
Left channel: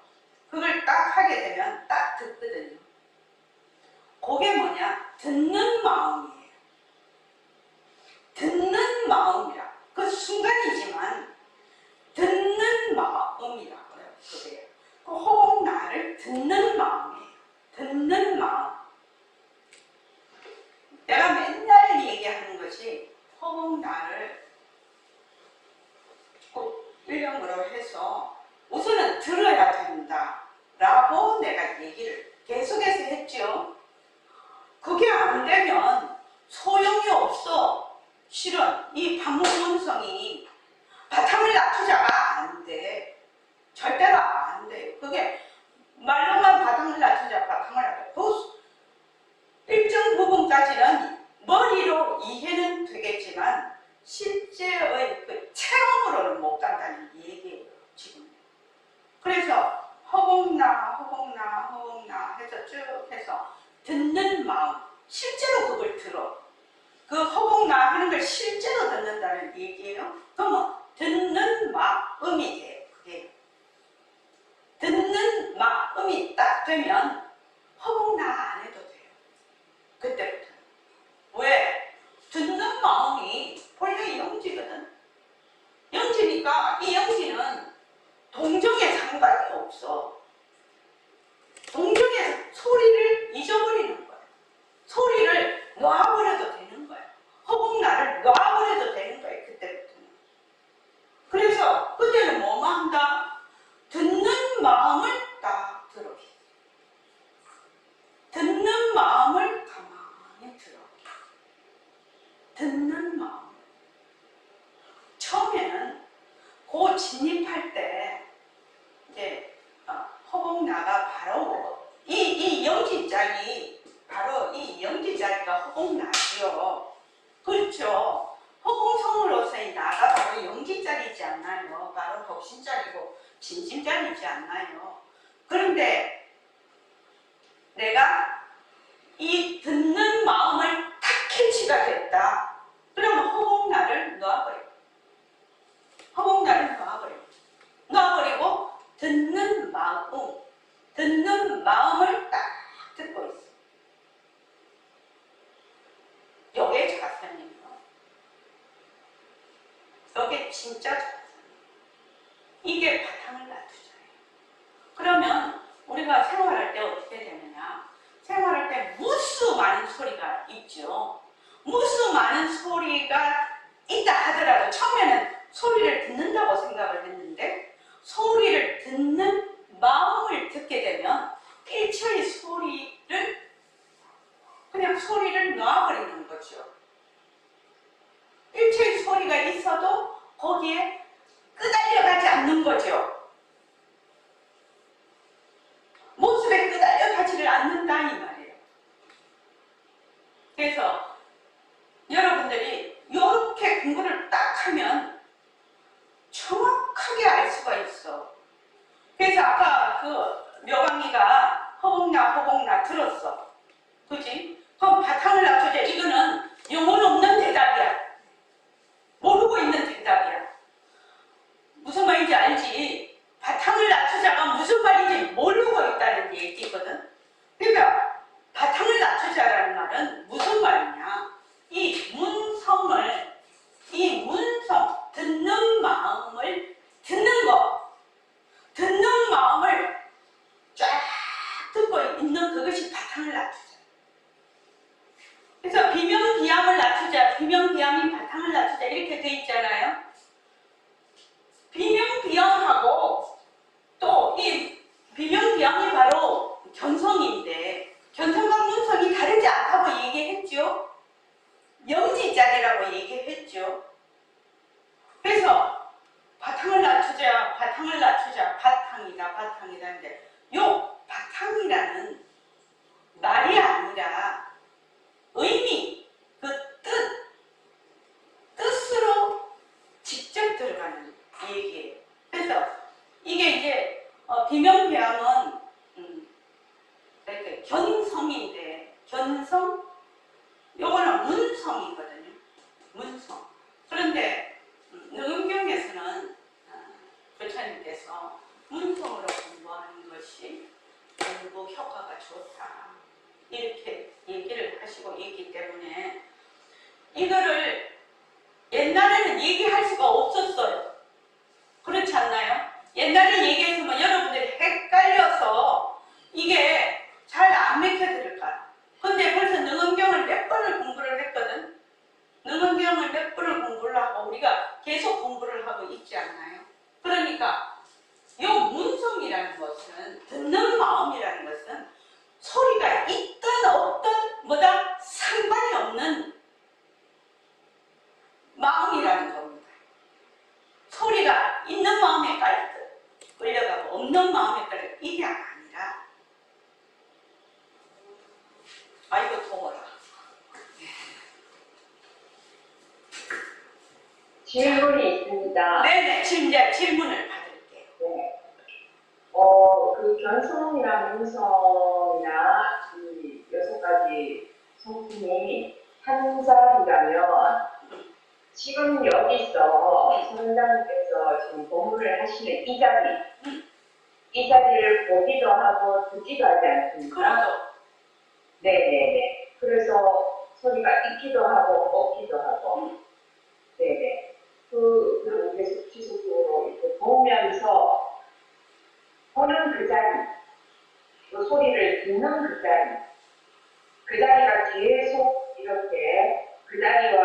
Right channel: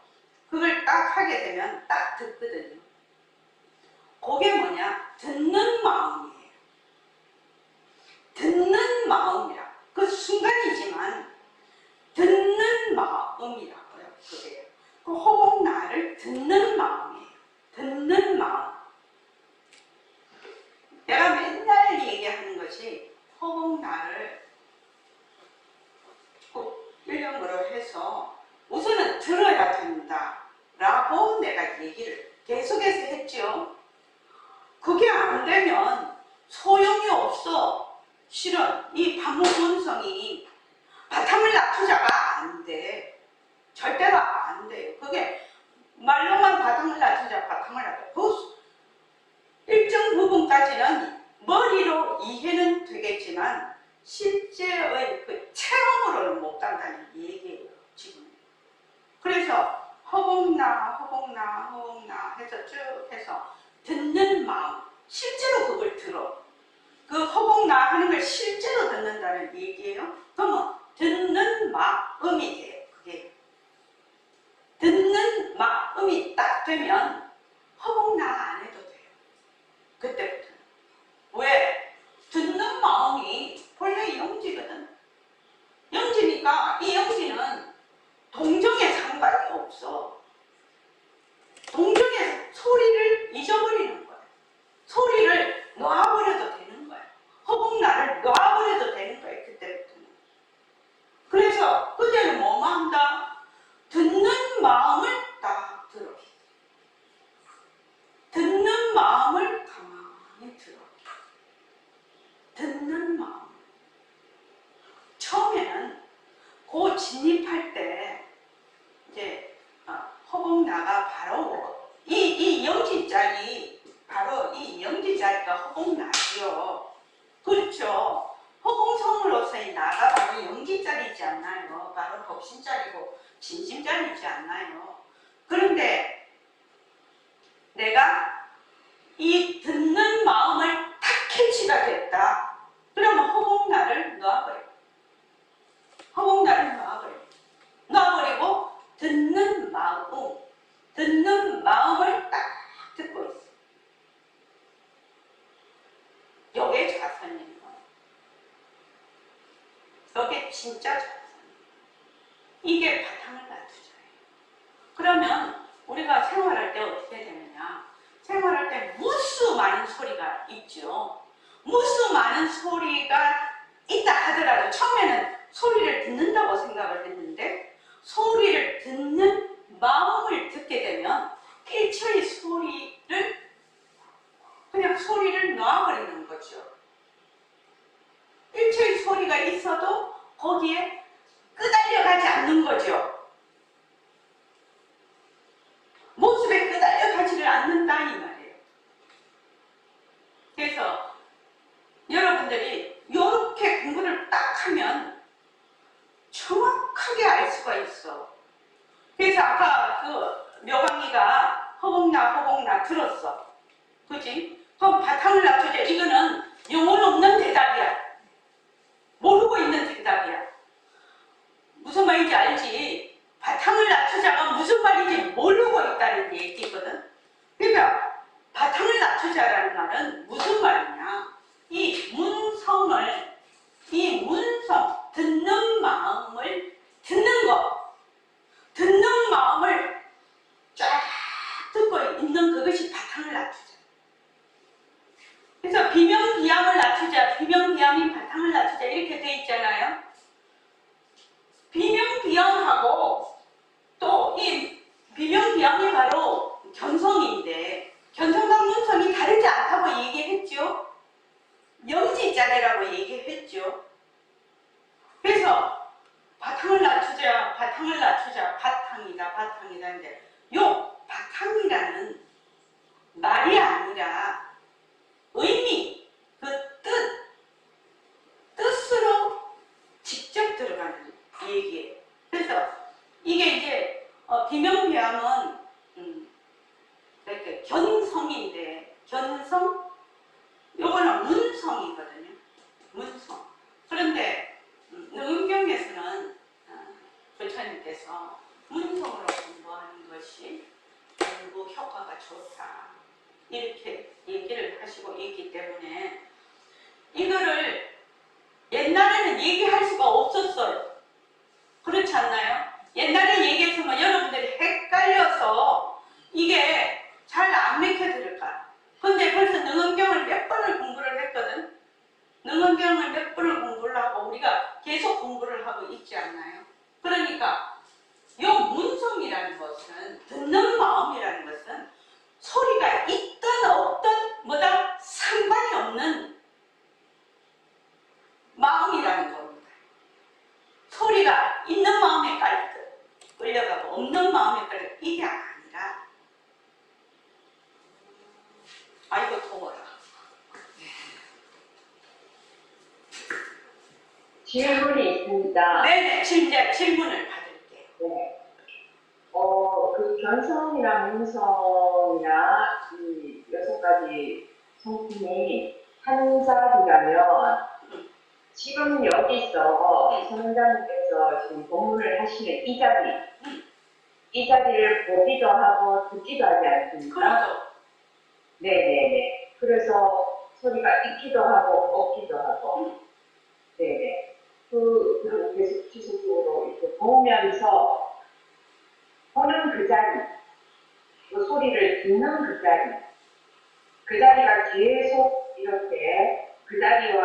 그걸 딱 하게 되면 딱 듣거든요. 그게 뭐냐? 듣는 마음이에요. 듣는 마음이라. 그 순간이지만 듣는 마음이라고요. 그게. 그 호흡나를 듣는 마음이에요. 듣는 마음. 내가 맨날 얘기하는 것이 호흡나를 꼭 일령으로 해서 우선은 들어야 된다라고 내가 얘기를 계속해서 했죠. 그게 안 되면 소용이 없어. 실은 이 반복음성이 바탕을 낮추자가 안 돼. 절대로 안 돼요. 그게 말로만 바탕을 낮추자. 그 일정 부분까지는 머리로 이해는 되겠지만 실제의 그 체험으로는 못 간다는 얘기예요. 지금. 그래서 허공나 해서 쭉 해서 듣는 마음. 실제로 그걸 들어. 그 허공나 하는 걸 실제로 듣는다는 얘기예요. 그러면 듣는 마음이 돼요. 그게. 듣는 마음이 딱 되면 허공나 안 해도 돼요. 그때부터. 왜? 듣는 마음이 본래 영지거든. 영지니까 이 영지는 동정에 상관이 없어. 동정의 소리를 잊어버리는 거야. 소리를 놔버려도 되는 거야. 허공나를 놔버려도 되는 거야. 그때부터는. 그래서 그때는 뭐만 한다? 듣는 마음을 딱 들어. 듣는 마음을 가만히 들어. 듣는 마음. 처음에는 그 진입할 때 이제 허공나가 바로 이 영지자리 바로 이 영지자리가 허공나지요. 그렇죠. 허공성으로서의 나가 바로 영지자리지 않나요? 바로 법신자리고 진심자리지 않나요? 그런데 내가 이 듣는 마음을 탁 캐치가 됐다. 그러면 허공나를 놔버려. 허공나를 놔버려. 놔버리고 듣는 마음을 딱 듣고 있어. 요게 자선이에요. 요게 진짜 자선이에요. 이게 바탕을 놔두잖아요. 그러면 우리가 생활할 때 어떻게 되느냐? 생활할 때 무수 많은 소리가 있죠. 무수 많은 소리가 있다 하더라도 처음에는 소리를 듣는다고 생각을 했는데 소리를 듣는 마음을 듣게 되면 일체의 소리를 그냥 소리를 놔버리는 거죠. 일체의 소리가 있어도 거기에 끄달려가지 않는 거죠. 모습에 끄달려가지를 않는다 이 말이에요. 그래서 여러분들이 이렇게 공부를 딱 하면 정확하게 알 수가 있어. 그래서 아까 그 묘강이가 허공나 들었어. 그지? 그럼 바탕을 놔두자. 이거는 영혼 없는 대답이야. 모르고 있는 대답이야. 무슨 말인지 알지? 바탕을 낮추자가 무슨 말인지 모르고 있다는 얘기거든. 그러니까 바탕을 낮추자라는 말은 무슨 말이냐? 비명 비암을 낮추자, 비명 비암인 바탕을 낮추자 이렇게 돼 있잖아요. 비명 비암하고 또 이 비명 비암이 바로 견성인데 견성과 문성이 다르지 않다고 얘기했죠. 영지자리라고 얘기했죠. 그래서 바탕을 낮추자, 바탕을 낮추자, 바탕이다 인데 요 바탕이라는 말이 아니라 의미, 그 뜻으로 직접 들어가는 얘기예요. 그래서 이게 이제 비명비암은 이렇게 견성인데 견성 요거는 문성이거든요. 문성. 그런데 응용에서는 교차님께서 문성으로 공부하는 것이 공부 효과가 좋다. 이렇게 얘기를 하시고 있기 때문에 이거를 옛날에는 얘기할 수가 없었어요. 그렇지 않나요? 옛날에 얘기했으면 여러분들이 헷갈려서 이게 잘 안 맥혀들을까. 근데 벌써 능언경을 몇 번을 공부를 했거든. 능언경을 몇 번을 공부를 하고 우리가 계속 공부를 하고 있지 않나요? 그러니까 요 문성이라는 것은 듣는 마음이라는 것은 소리가 있든 없든 뭐다 상관이 없는 마음이라는 겁니다. 소리가 있는 마음에 끌려가고 없는 마음에 끌려 이게 아니라 아이고 더워라. 질문이 있습니다. 네네 질문을 받을게요. 네. 그 견성이랑 문성이나 이 6가지 성품이 한 자리라면 지금 여기서 선생님께서 지금 공부를 하시는 이 자리를 보기도 하고 듣기도 하지 않습니까? 그렇죠. 네네네. 그래서 소리가 있기도 하고 없기도 하고. 네네. 계속 지속적으로 이렇게 보면서 보는 그 자리, 그 소리를 듣는 그 자리가 계속 이렇게 그 자리와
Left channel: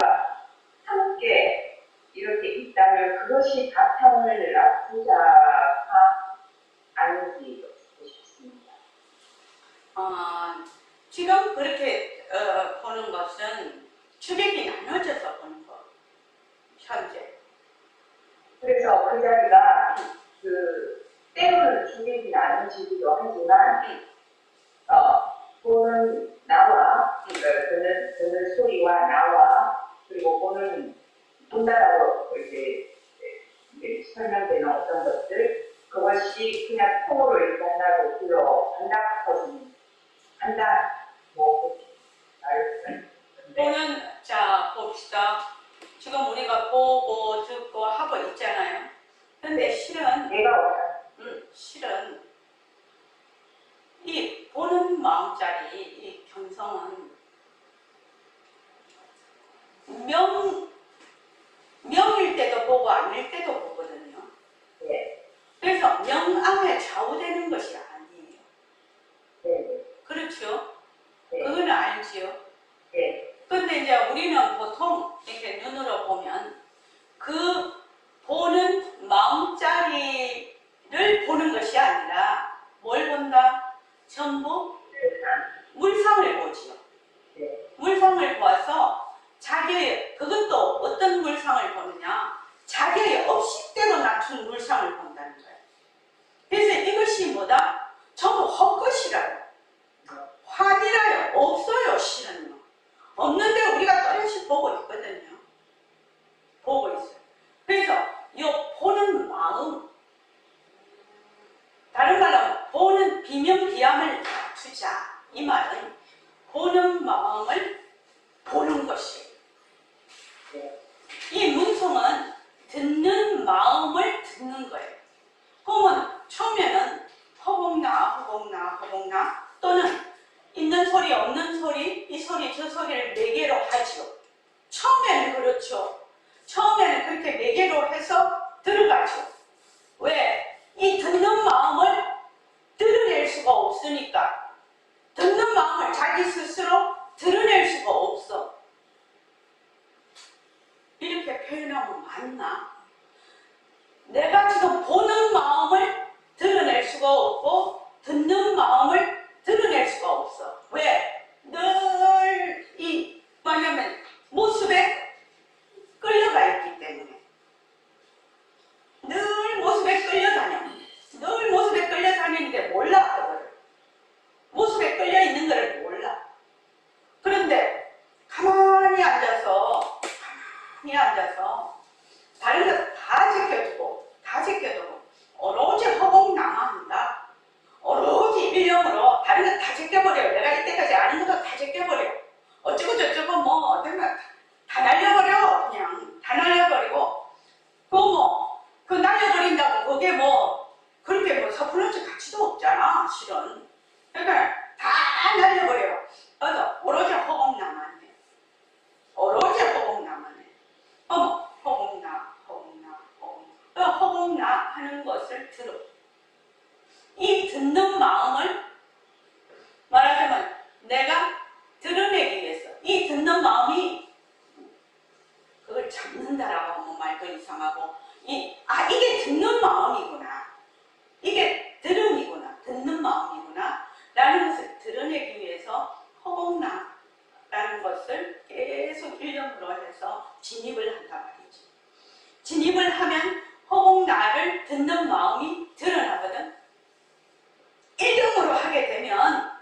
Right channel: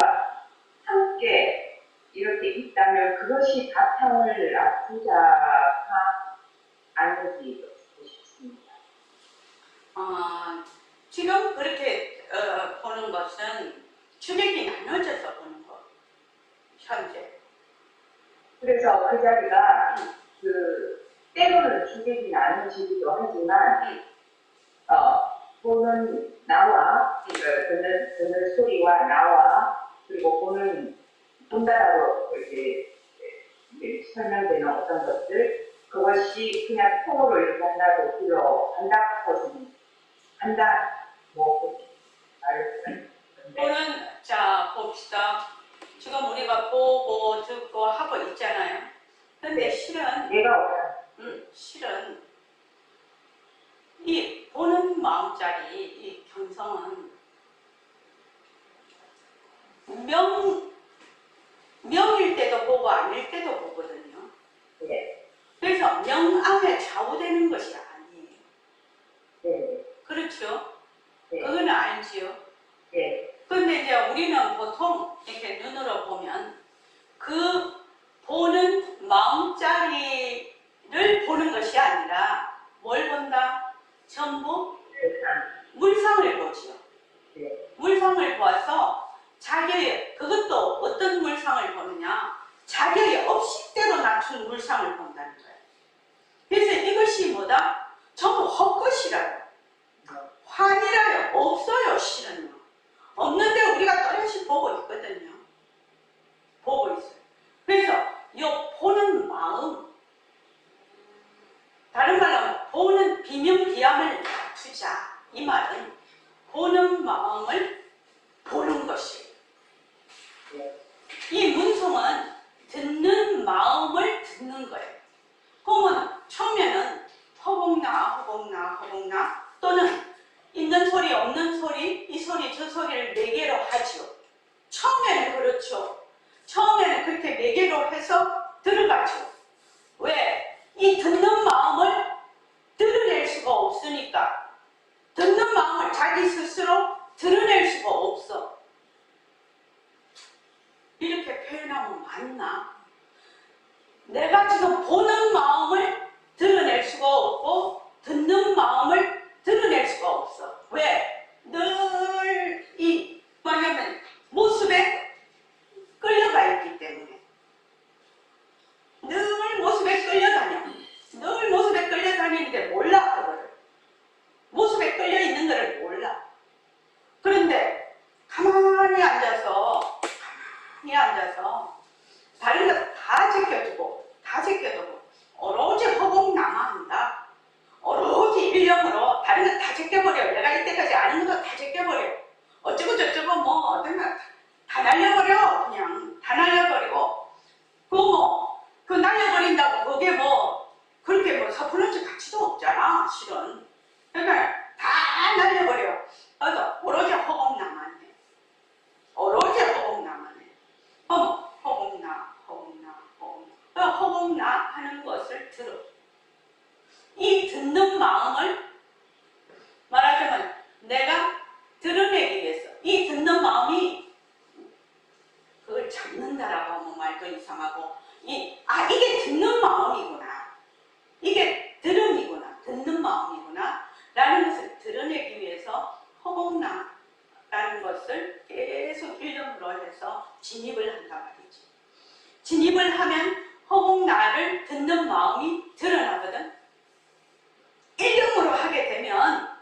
함께 이렇게 있다면 그것이 바탕을 낮추자가 아닌지 듣고 싶습니다. 지금 그렇게 보는 것은 주객이 나눠져서 보는 거. 현재. 그래서 그 자리가 때로는 주객이 나눠지기도 하지만 보는 나와 듣는 소리와 나와 그리고 본다라고 이제 설명되는 어떤 것들 그것이 그냥 통으로 이렇게 한다고 한다 뭐 말을 또는 자 봅시다. 지금 우리가 보고 듣고 하고 있잖아요. 근데 실은 실은 이 보는 마음자리 이 견성은 명일 때도 보고 아닐 때도 보거든요. 네. 그래서 명암에 좌우되는 것이 아니에요. 네. 그렇죠? 네. 그거는 알지요. 네. 근데 이제 우리는 보통 이렇게 눈으로 보면 그 보는 마음자리를 보는 것이 아니라 뭘 본다? 전부 물상을 보지요. 네. 물상을 보아서 자기의 그것도 어떤 물상을 보느냐? 자기의 업식대로 낮춘 물상을 본다는 거예요. 그래서 이것이 뭐다? 전부 헛것이라요. 환이라요. 없어요, 실은요. 없는데 우리가 또렷이 보고 있거든요. 보고 있어요. 그래서 이 보는 마음, 다른 말로 보는 비명비암을 낮추자. 이 말은 보는 마음을 보는 것이에요. 이 문성은 듣는 마음을 듣는 거예요. 그러면 처음에는 허공나 또는 있는 소리 없는 소리 이 소리 저 소리를 네 개로 하죠. 처음에는 그렇죠. 처음에는 그렇게 네 개로 해서 들어가죠. 왜? 이 듣는 마음을 드러낼 수가 없으니까 듣는 마음을 자기 스스로 드러낼 수가 없어. 이렇게 표현하면 맞나? 내가 지금 보는 마음을 드러낼 수가 없고 듣는 마음을 드러낼 수가 없어. 왜? 늘 이 뭐냐면 모습에 끌려가 있기 때문에. 늘 모습에 끌려다녀. 늘 모습에 끌려다니는데 몰라 그거를. 모습에 끌려 있는 거를 몰라. 그런데 가만히 앉아서 다른 거 다 제껴두고 오로지 허공나만 한다. 오로지 일념으로 다른 거 다 제껴버려. 내가 이때까지 아는 것도 다 제껴버려. 어쩌고 저쩌고 뭐 어떤 거 다 날려버려. 그냥 다 날려버리고 그 날려버린다고 그게 뭐 그렇게 뭐 섣부른지 가치도 없잖아 실은. 그러니까 다 날려버려. 그래서 오로지 허공나만 해. 오로지 허공나만 해. 허공나 허공나 하는 것을 들어. 이 듣는 마음을 말하자면 내가 드러내기 위해서 이 듣는 마음이 그걸 잡는다라고 하면 말도 이상하고 이게 듣는 마음이구나. 이게 들음이구나. 듣는 마음이구나. 라는 것을 드러내기 위해서 허공나라는 것을 계속 일념으로 해서 진입을 한단 말이지. 진입을 하면 허공나를 듣는 마음이 드러나거든. 일념으로 하게 되면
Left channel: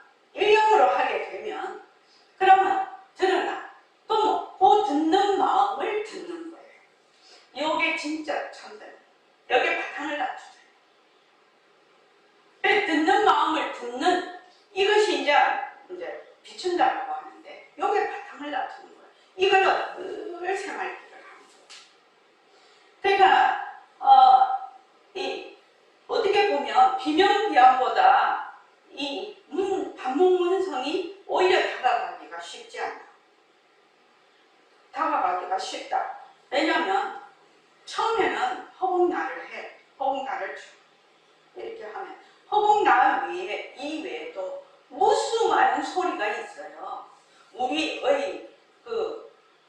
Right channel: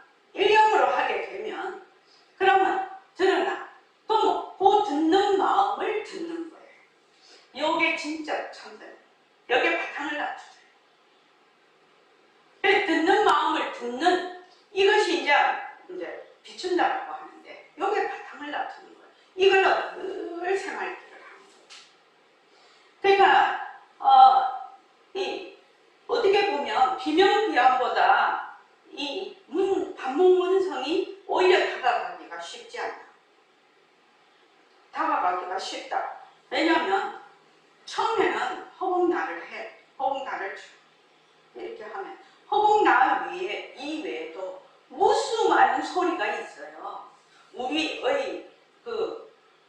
그러면 드러나. 그럼 그 듣는 마음을 듣는 거예요. 이게 진짜 참된. 여기에 바탕을 놔주세요. 듣는 마음을 듣는 이것이 이제 비춘다라고 하는데 여기에 바탕을 놔두는 거예요. 이걸로 늘 생활기를 하는 거예요. 그러니까 어떻게 보면 비명비양보다 이 반복문성이 오히려 다가가기가 쉽지 않다. 다가가기가 쉽다. 왜냐하면 처음에는 허공나를 해. 허공나를 이렇게 하면 허공나 이외에도 무수 많은 소리가 있어요. 우리의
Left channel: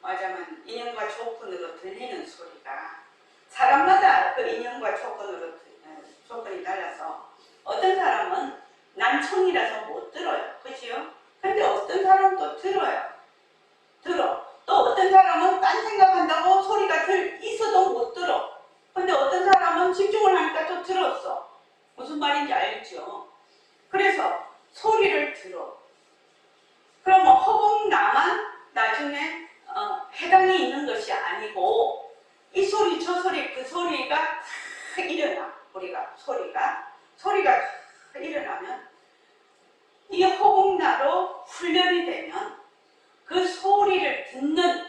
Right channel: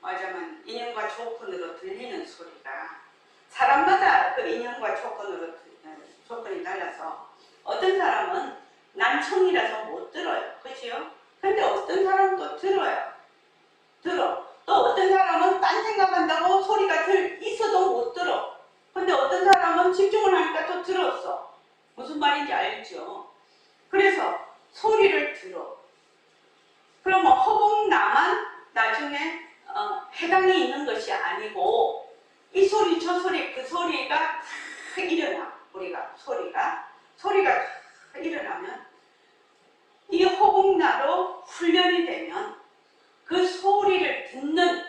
말하자면 인연과 조건으로 들리는 소리가 사람마다 그 인연과 조건이 달라서 어떤 사람은 난청이라서 못 들어요. 그치요? 근데 어떤 사람은 또 들어요. 또 어떤 사람은 딴 생각한다고 소리가 있어도 못 들어. 근데 어떤 사람은 집중을 하니까 또 들었어. 무슨 말인지 알죠? 그래서 소리를 들어. 그러면 허공나만 나중에 해당이 있는 것이 아니고 이 소리 저 소리 그 소리가 일어나. 우리가 소리가 일어나면 이 허공나로 훈련이 되면 그 소리를 듣는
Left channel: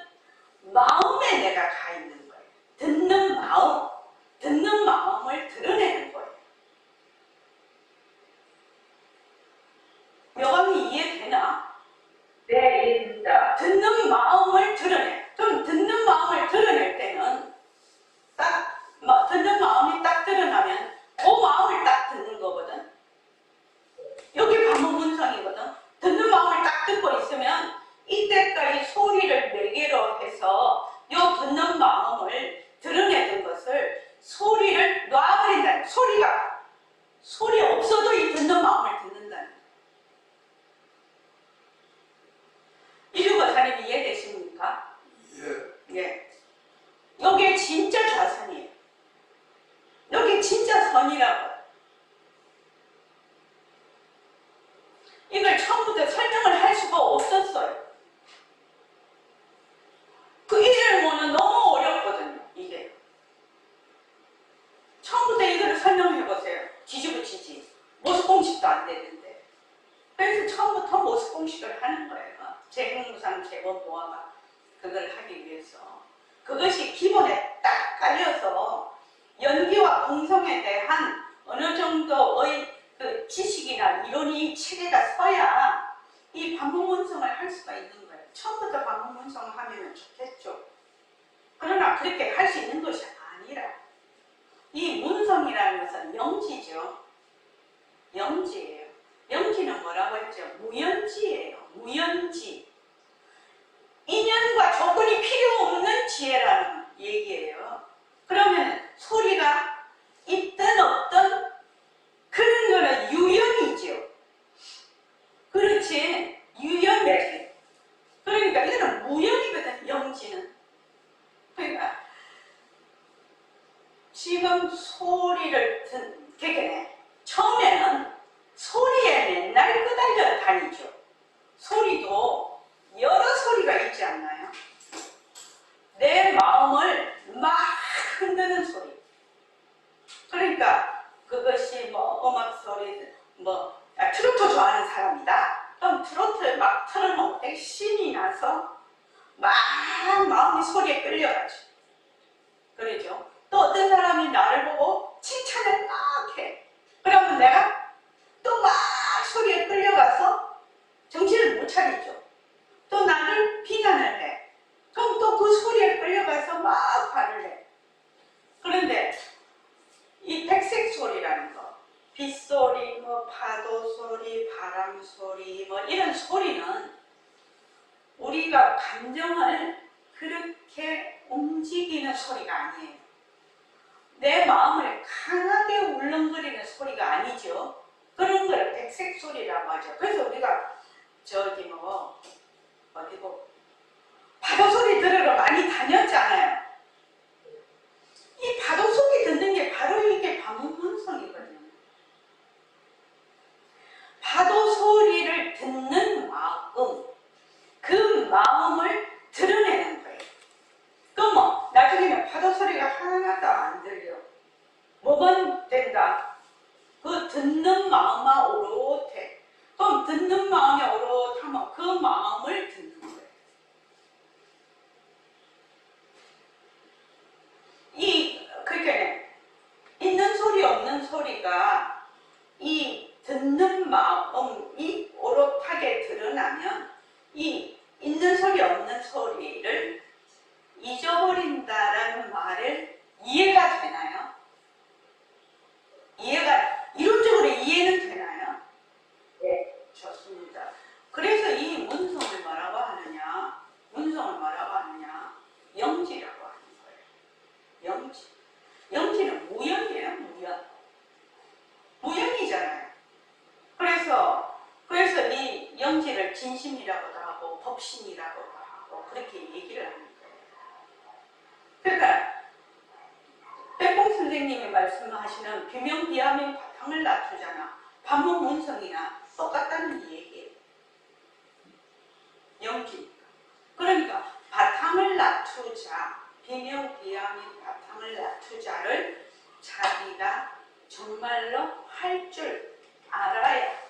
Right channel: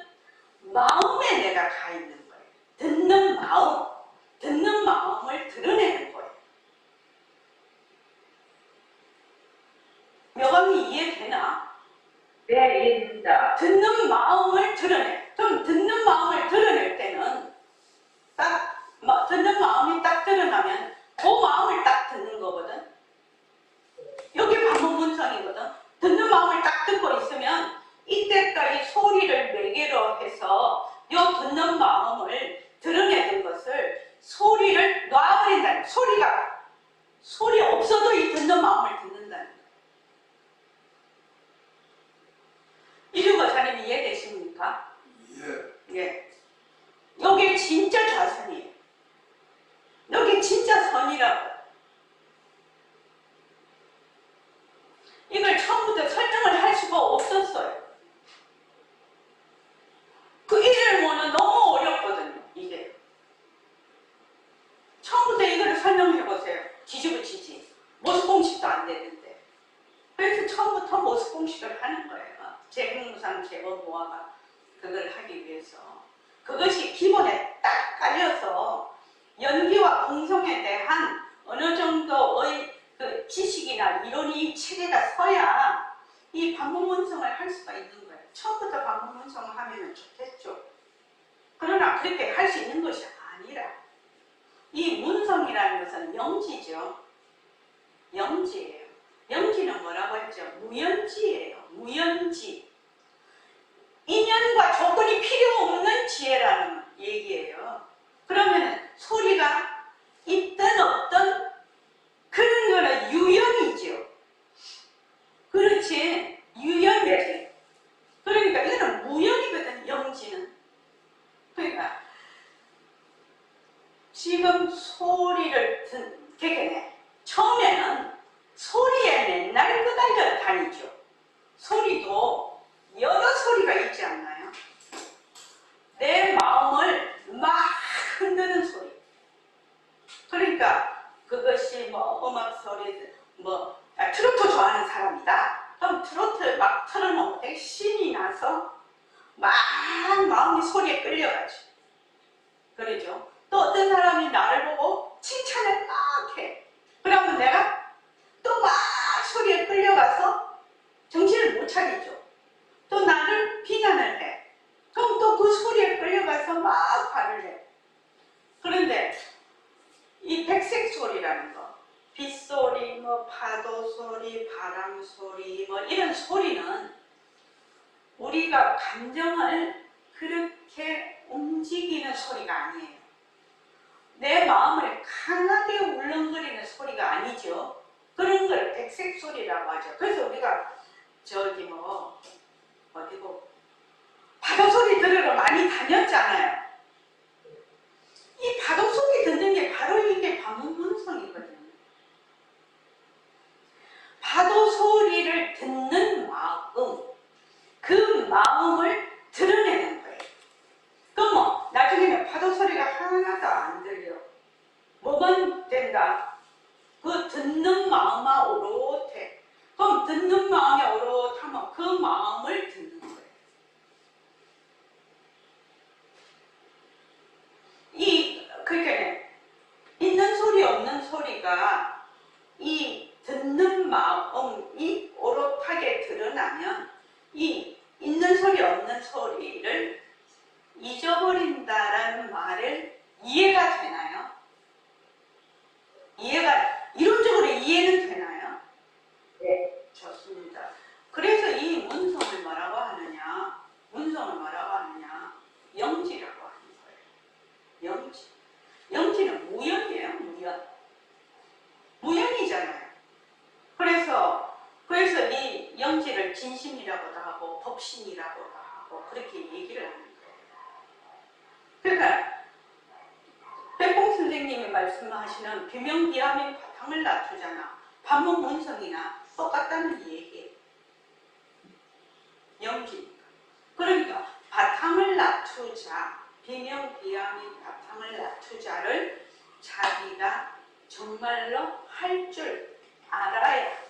마음에 내가 가 있는 거예요. 듣는 마음을 드러내는 거예요. 묘감이 이해되나? 네, 이해됩니다. 듣는 마음을 드러내. 좀 듣는 마음을 드러낼 때는 듣는 마음이 딱 드러나면 그 마음을 딱 듣는 거거든. 여기 반복문성이거든. 듣는 마음을 딱 듣고 있으면 이때까지 소리를 매개로 해서 이 듣는 마음을 드러내는 것을 소리를 놔버린다는 거예요. 소리 없어도 이 듣는 마음을 듣는다는 거예요. 이류거사님 이해되십니까? 예. 여기 진짜 좌선이에요. 여기 진짜 선이라고. 이걸 처음부터 설명을 할 수가 없었어요. 그 일일모는 너무 어렵거든요. 이게. 처음부터 이거를 설명해보세요. 뒤집어지지. 모습 공식도 안 되는데. 그래서 처음부터 모습 공식을 하는 거예요. 제공무상 제거모아가 그걸 하기 위해서. 그것이 기본에 딱 깔려서 연기와 공성에 대한 어느 정도의 그 지식이나 이론이 체계가 서야 이 반복문성을 할 수가 있는 거예요. 처음부터 반복문성을 하면 좋겠죠. 그러나 그렇게 할 수 있는 것이 아니라 이 문성이라는 것은 영지죠. 영지예요. 영지는 뭐라고 했죠? 무연지예요. 무연지. 인연과 조건이 필요 없는 지혜라는 얘기예요. 그러면 소리가 있든 없든 그런 거는 유형이죠. 그렇지, 유형이지. 그러니까 이거는 무형이거든, 영지는. 그러니까 지금 소리를 그러니까 처음에는 소리에 맨날 끄달려 다니죠. 소리도 여러 소리가 있지 않나요? 내 마음을 막 흔드는 소리. 그러니까 그것이 뭐 음악 소리든 트로트 좋아하는 사람이다. 그럼 트로트 막 틀어놓으면 되게 신이 나서 막 마음이 소리에 끌려가죠. 그러죠. 또 어떤 사람이 나를 보고 칭찬을 막 해. 그러면 내가 또 막 소리에 끌려가서 정신을 못 차리죠. 또 나를 비난을 해. 그럼 또 그 소리에 끌려가서 막 화를 내. 그런데 이 백색 소리라는 거, 빗소리, 파도 소리, 바람 소리, 이런 소리는 우리가 감정을 그렇게 움직이는 소리가 아니에요. 내 마음을 강하게 울렁거리는 소리가 아니죠. 그런 걸 백색 소리라고 하죠. 그래서 우리가 어디고 파도 소리 들으러 많이 다녔잖아요. 이 파도 소리 듣는 게 바로 이게 반문문성이거든요. 파도 소리를 듣는 마음, 그 마음을 드러내는 거예요. 그럼 나중에는 파도 소리가 하나도 안 들려. 뭐만 된다? 그 듣는 마음만 오롯해. 그럼 듣는 마음이 오롯하면 그 마음을 듣는 거예요. 그러니까 있는 소리 없는 소리가 이 듣는 마음이 오롯하게 드러나면 이 있는 소리 없는 소리를 잊어버린다라는 말을 이해가 되나요? 이론적으로 이해는 되나요? 네. 좋습니다. 그래서 이 문성을 뭐라고 하느냐? 영지라고 하는 거예요. 영지. 영지는 무형이에요, 무형. 무형이잖아요. 그래서 이 영지를 진심이라고도 하고 법신이라고도 하고 그렇게 얘기를 하는 거예요. 그러니까 백봉 선생님이 말씀하시는 비명비암의 바탕을 낮추잖아. 반문문성이나 똑같다는 얘기예요. 영지니까. 그러니까 바탕을 낮추자, 비명비암의 바탕을 낮추자를 자기가 정말로 할 줄 알아야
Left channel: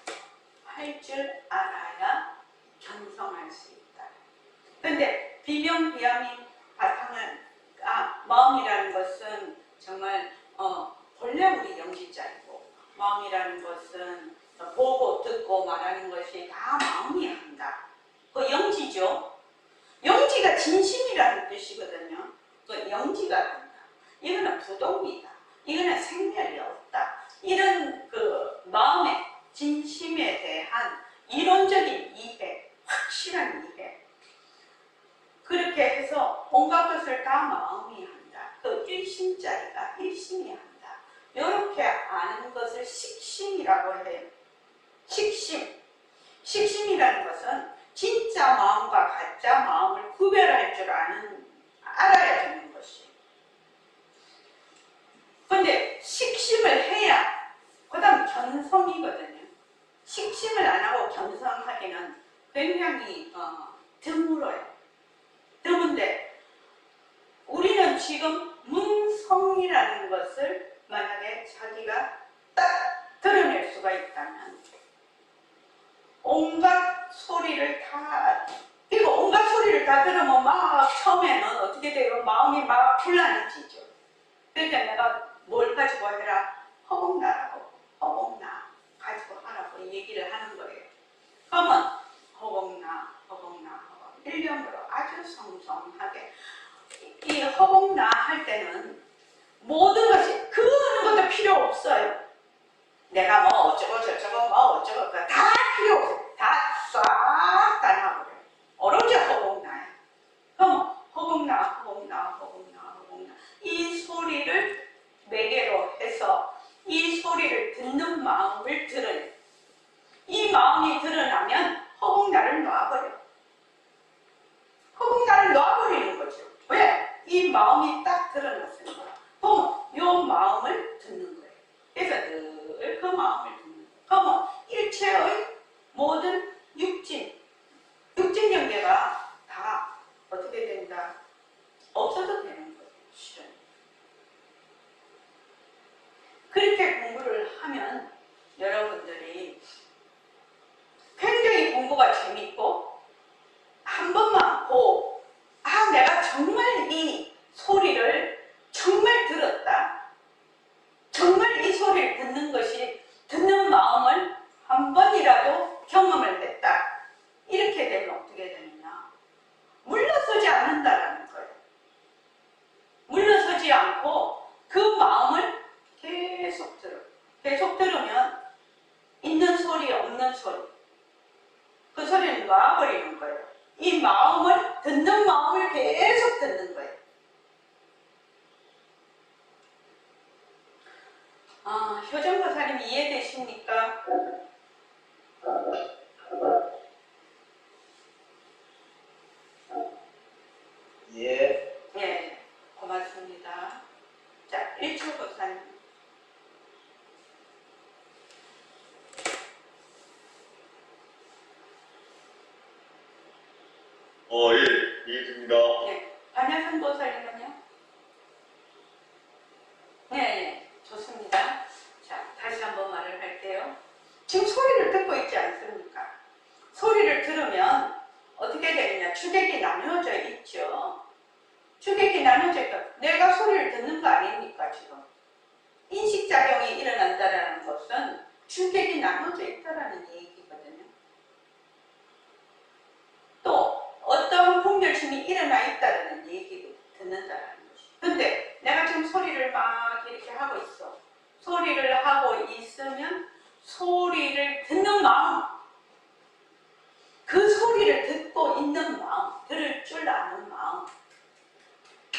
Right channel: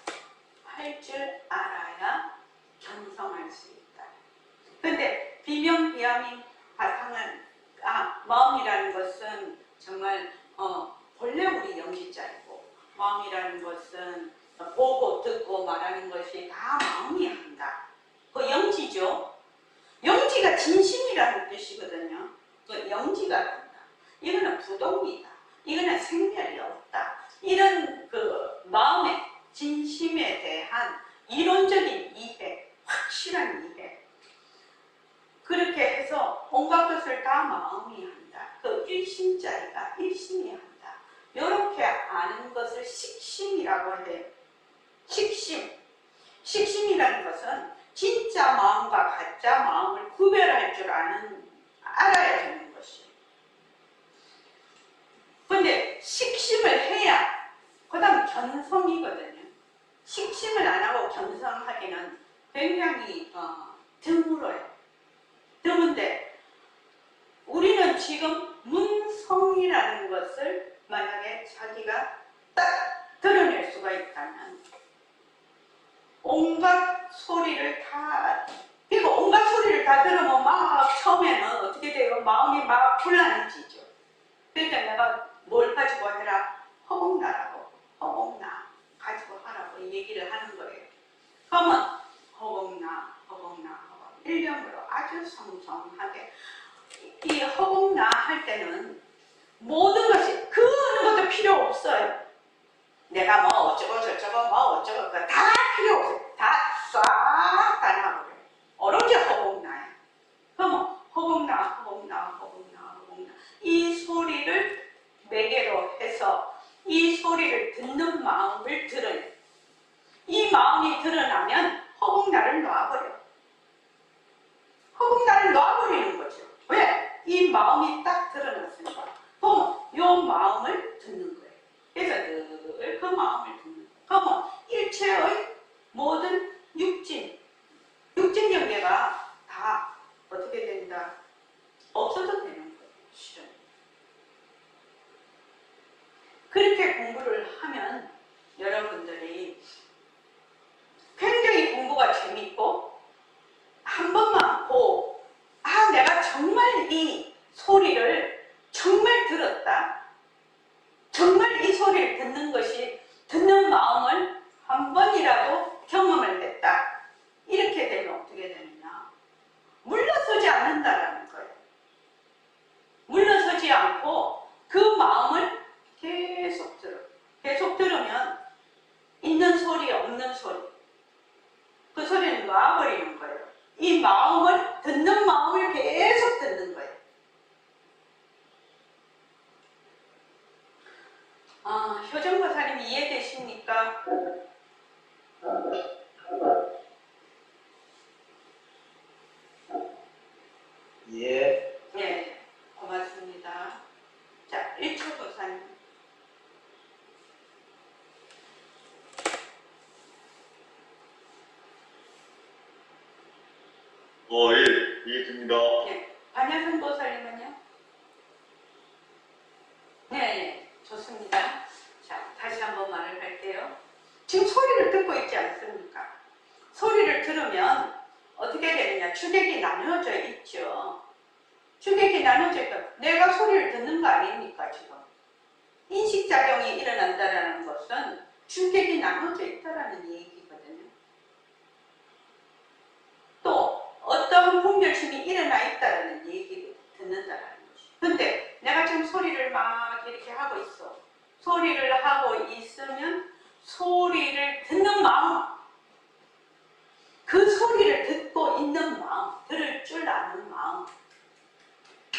견성할 수 있다. 근데 비명비암의 바탕을 마음이라는 것은 정말 본래 우리 영지자이고 마음이라는 것은 보고 듣고 말하는 것이 다 마음이 한다. 그 영지죠. 영지가 진심이라는 뜻이거든요. 그 영지가 한다. 이거는 부동이다. 이거는 생멸이 없다. 이런 그 마음의 진심에 대한 이론적인 이해, 확실한 이해. 그렇게 해서 온갖 것을 다 마음이 한다. 그 일심자리가 일심이 한다. 이렇게 아는 것을 식심이라고 해요. 식심. 식심이라는 것은 진짜 마음과 가짜 마음을 구별할 줄 알아야 되는 것이에요. 근데 식심을 해야 그 다음 견성이거든요. 식심을 안 하고 견성하기는 굉장히 드물어요. 드문데 우리는 지금 문성이라는 것을 만약에 자기가 딱 드러낼 수가 있다면 온갖 소리를 다 들으면 막 처음에는 어떻게 돼요? 마음이 막 혼란해지죠. 그러니까 내가 뭘 가지고 해라? 허공나라고 허공나 가지고 하라고 얘기를 하는 거예요. 그러면 허공나 일념으로 아주 성성하게 이 허공나 할 때는 모든 것이 그 어느 것도 필요 없어요. 내가 뭐 어쩌고 저쩌고 뭐 어쩌고 다 필요 없어요. 다 싹 다 나와버려요. 오로지 허공나야. 그럼 허공나 이 소리를 정말 들었다. 정말 이 소리를 듣는 것이 듣는 마음을 한 번이라도 경험을 했다. 이렇게 되면 어떻게 되느냐? 물러서지 않는다라는 거예요. 물러서지 않고 그 마음을 계속 들어. 계속 들으면 있는 소리, 없는 소리. 그 소리는 놔버리는 거예요. 이 마음을, 듣는 마음을 계속 듣는 거예요. 효정보살님 이해되십니까? 예. 네, 고맙습니다. 자, 1초 보사님. 예, 이해됩니다. 네, 반야선 보살님은요? 네, 좋습니다. 자, 다시 한번 말을 할게요. 지금 소리를 듣고 있지 않습니까? 소리를 들으면 어떻게 되느냐? 주객이 나누어져 있죠. 주객이 나누어져 있고 내가 소리를 듣는 거 아닙니까 지금? 인식작용이 일어난다는 것은 주객이 나누어져 있다는 얘기거든요. 또 어떤 분별심이 일어나 있다는 얘기를 듣는다는 것이. 근데 내가 지금 소리를 막 이렇게 하고 있어. 소리를 하고 있으면 소리를 듣는 마음, 그 소리를 듣고 있는 마음, 들을 줄 아는 마음,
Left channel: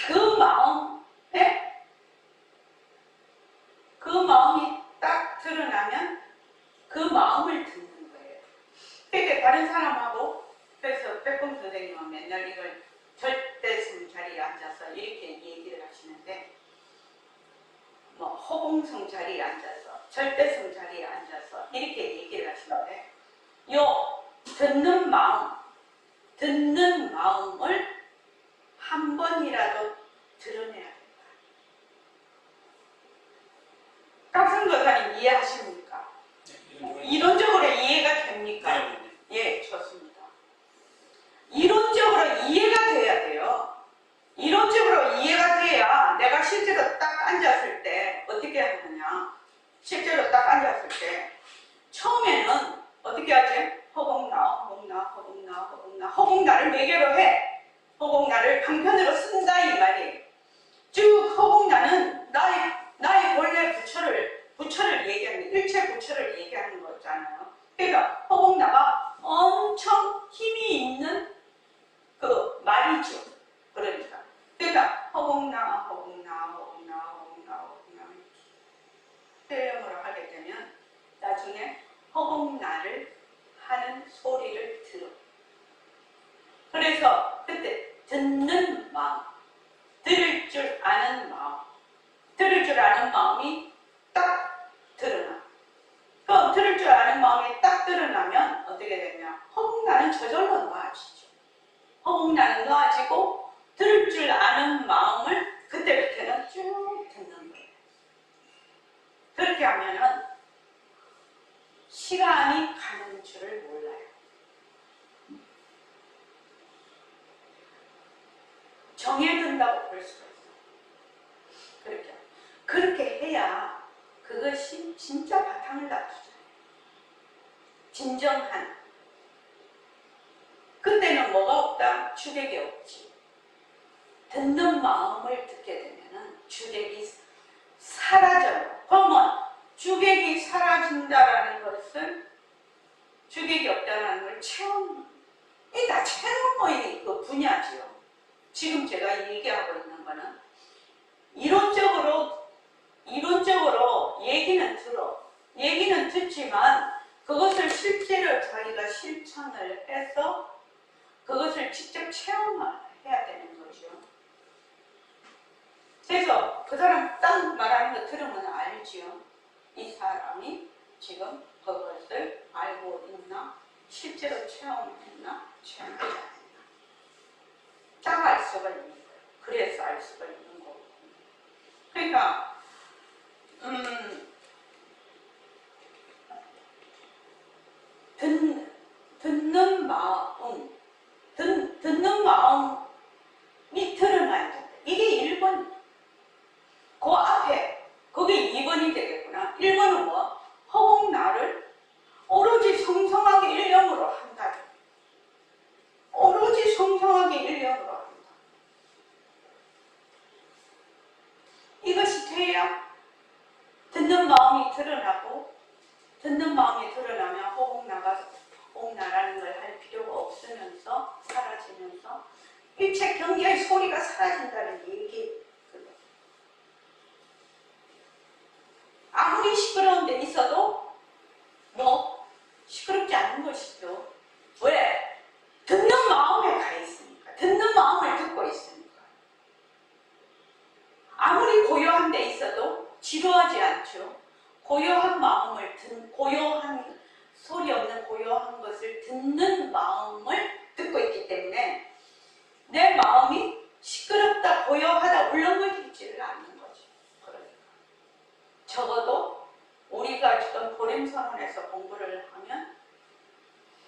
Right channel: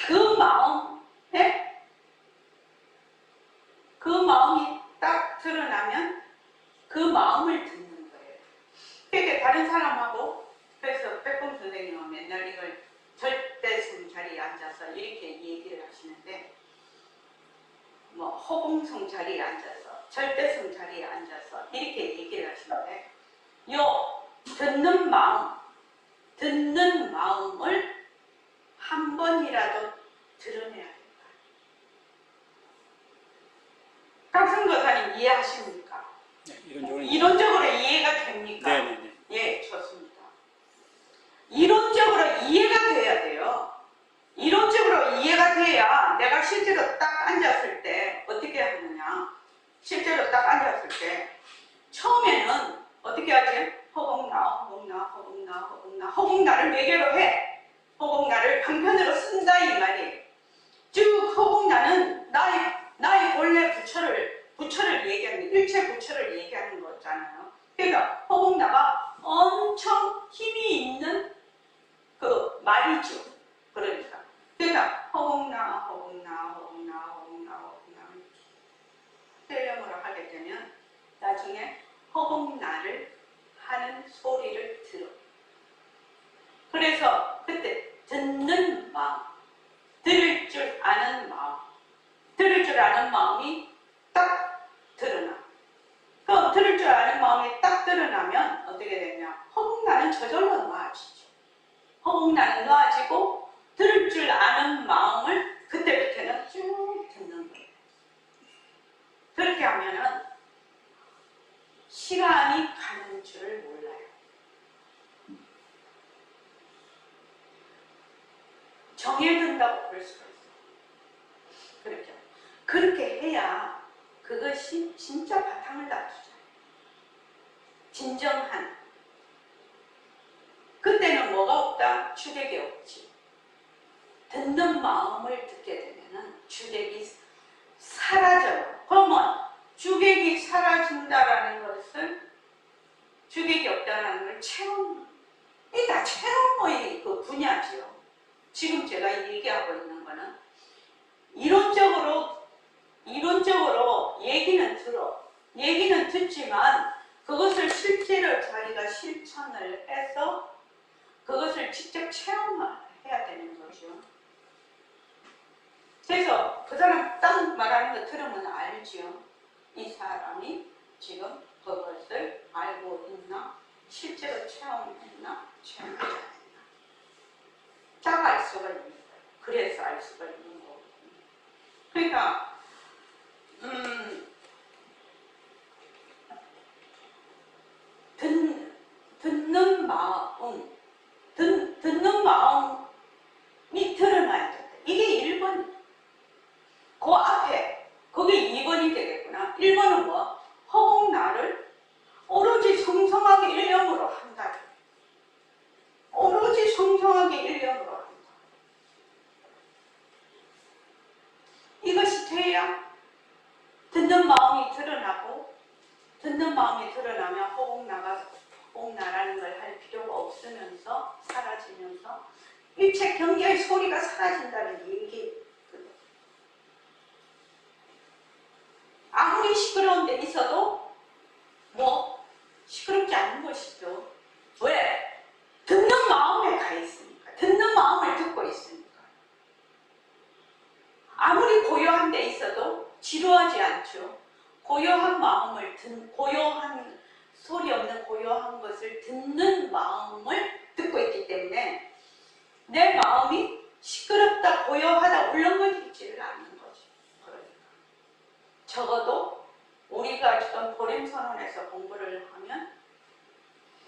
그 마음에 그 마음이 딱 드러나면 그 마음을 듣는 거예요. 그러니까 다른 사람하고, 그래서 백범 선생님은 맨날 이걸 절대성 자리에 앉아서 이렇게 얘기를 하시는데, 뭐 허공성 자리에 앉아서, 절대성 자리에 앉아서 이렇게 얘기를 하시는데, 요 듣는 마음을 한 번이라도 드러내야 된다. 깍선거사님 이해하십니까? 네, 이론적으로 이론적으로 이해가 됩니까? 네네네. 예, 좋습니다. 이론적으로 이해가 돼야 돼요. 이론적으로 이해가 돼야 내가 실제로 딱 앉았을 때 어떻게 하느냐. 실제로 딱 앉았을 때 처음에는 어떻게 하지? 허공나를 매개로 해. 허공나를 강편으로 쓴다 이 말이에요. 쭉 허공나는 나의 본래 부처를 얘기하는, 일체 부처를 얘기하는 거잖아요. 그러니까 허공나가 엄청 힘이 있는 그 말이죠. 그러니까 허공나 헬령으로 하게 되면 나중에 허공나를 하는 소리를 들어. 그래서 그때 듣는 마음, 들을 줄 아는 마음이 딱 드러나. 그럼 들을 줄 아는 마음이 딱 드러나면 어떻게 되냐? 허공나는 저절로 놓아지죠. 허공나는 놓아지고 들을 줄 아는 마음을 그때부터는 쭉 듣는 거예요. 그렇게 하면은 시간이 가는 줄을 몰라요. 정해둔다고 볼 수가 있어요. 그렇죠. 그렇게 해야 그것이 진짜 바탕을 다투잖아요. 진정한. 그때는 뭐가 없다? 주객이 없지. 듣는 마음을 듣게 되면은 주객이 사라져요. 그러면 주객이 사라진다라는 것은 주객이 없다는 걸 체험, 이게 다 체험의 그 분야지요. 지금 제가 얘기하고 있는 거는 이론적으로 얘기는 듣지만 그것을 실제로 자기가 실천을 해서 그것을 직접 체험해야 되는 거죠. 그래서 그 사람 딱 말하는 거 들으면 알지요. 이 사람이 지금 그것을 알고 있나? 실제로 체험했나? 체험하지 않았나? 딱 알 수가 있는 거예요. 그래서 알 수가 있는 거거든요. 그러니까 듣는 마음이 드러나야 된다. 사라진다는 얘기. 아무리 시끄러운 데 있어도 뭐 시끄럽지 않은 것이죠. 왜? 듣는 마음에 가 있으니까. 듣는 마음을 듣고 있으니까. 아무리 고요한 데 있어도 지루하지 않죠. 고요한 마음을 고요한 소리 없는 고요한 것을 듣는 마음을 듣고 있기 때문에 내 마음이 시끄럽다 고요하다 울렁거리지를 않는 거지. 그러니까 적어도 우리가 지금 보렘선언에서 공부를 하면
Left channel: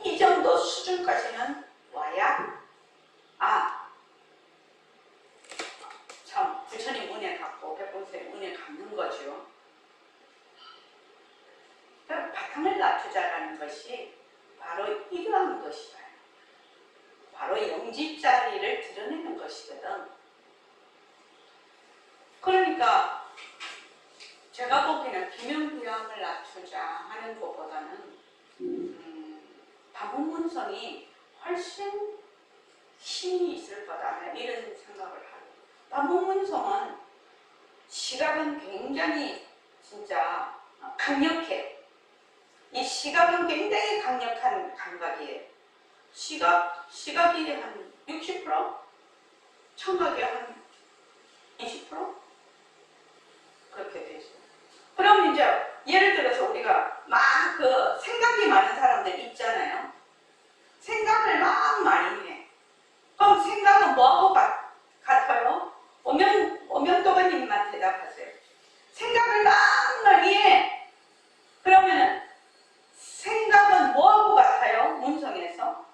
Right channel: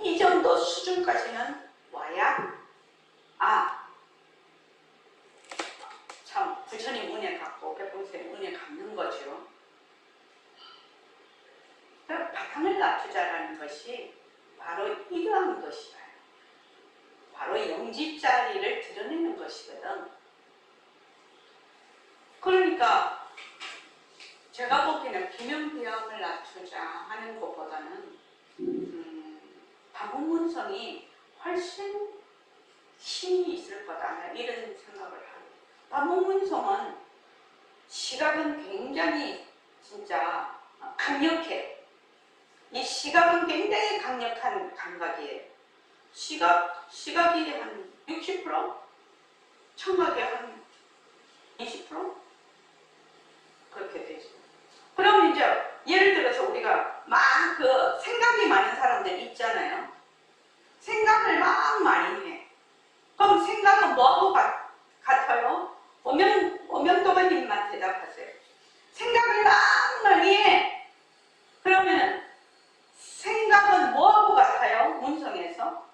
이 정도 수준까지는 와야 참 부처님 은혜 갖고 백본스님 은혜 갖는 거죠. 바탕을 낮추자라는 것이 바로 이러한 것이다. 바로 영지자리를 드러내는 것이거든. 그러니까 제가 보기에는 비명비양을 낮추자 하는 것보다는 다문문성이 훨씬 힘이 있을 거다 이런 생각을 하고, 다문문성은 시각은 굉장히 진짜 강력해. 이 시각은 굉장히 강력한 감각이에요. 시각이 한 60%? 청각이 한 20%? 그렇게 되죠. 그럼 이제 예를 들어서 우리가 막 그 생각이 많은 사람들 있잖아요. 생각을 막 많이 해. 그럼 생각은 뭐하고 같아요? 오명도가님만 대답하세요. 생각을 막 많이 해. 그러면은 생각은 뭐하고 같아요? 문성에서?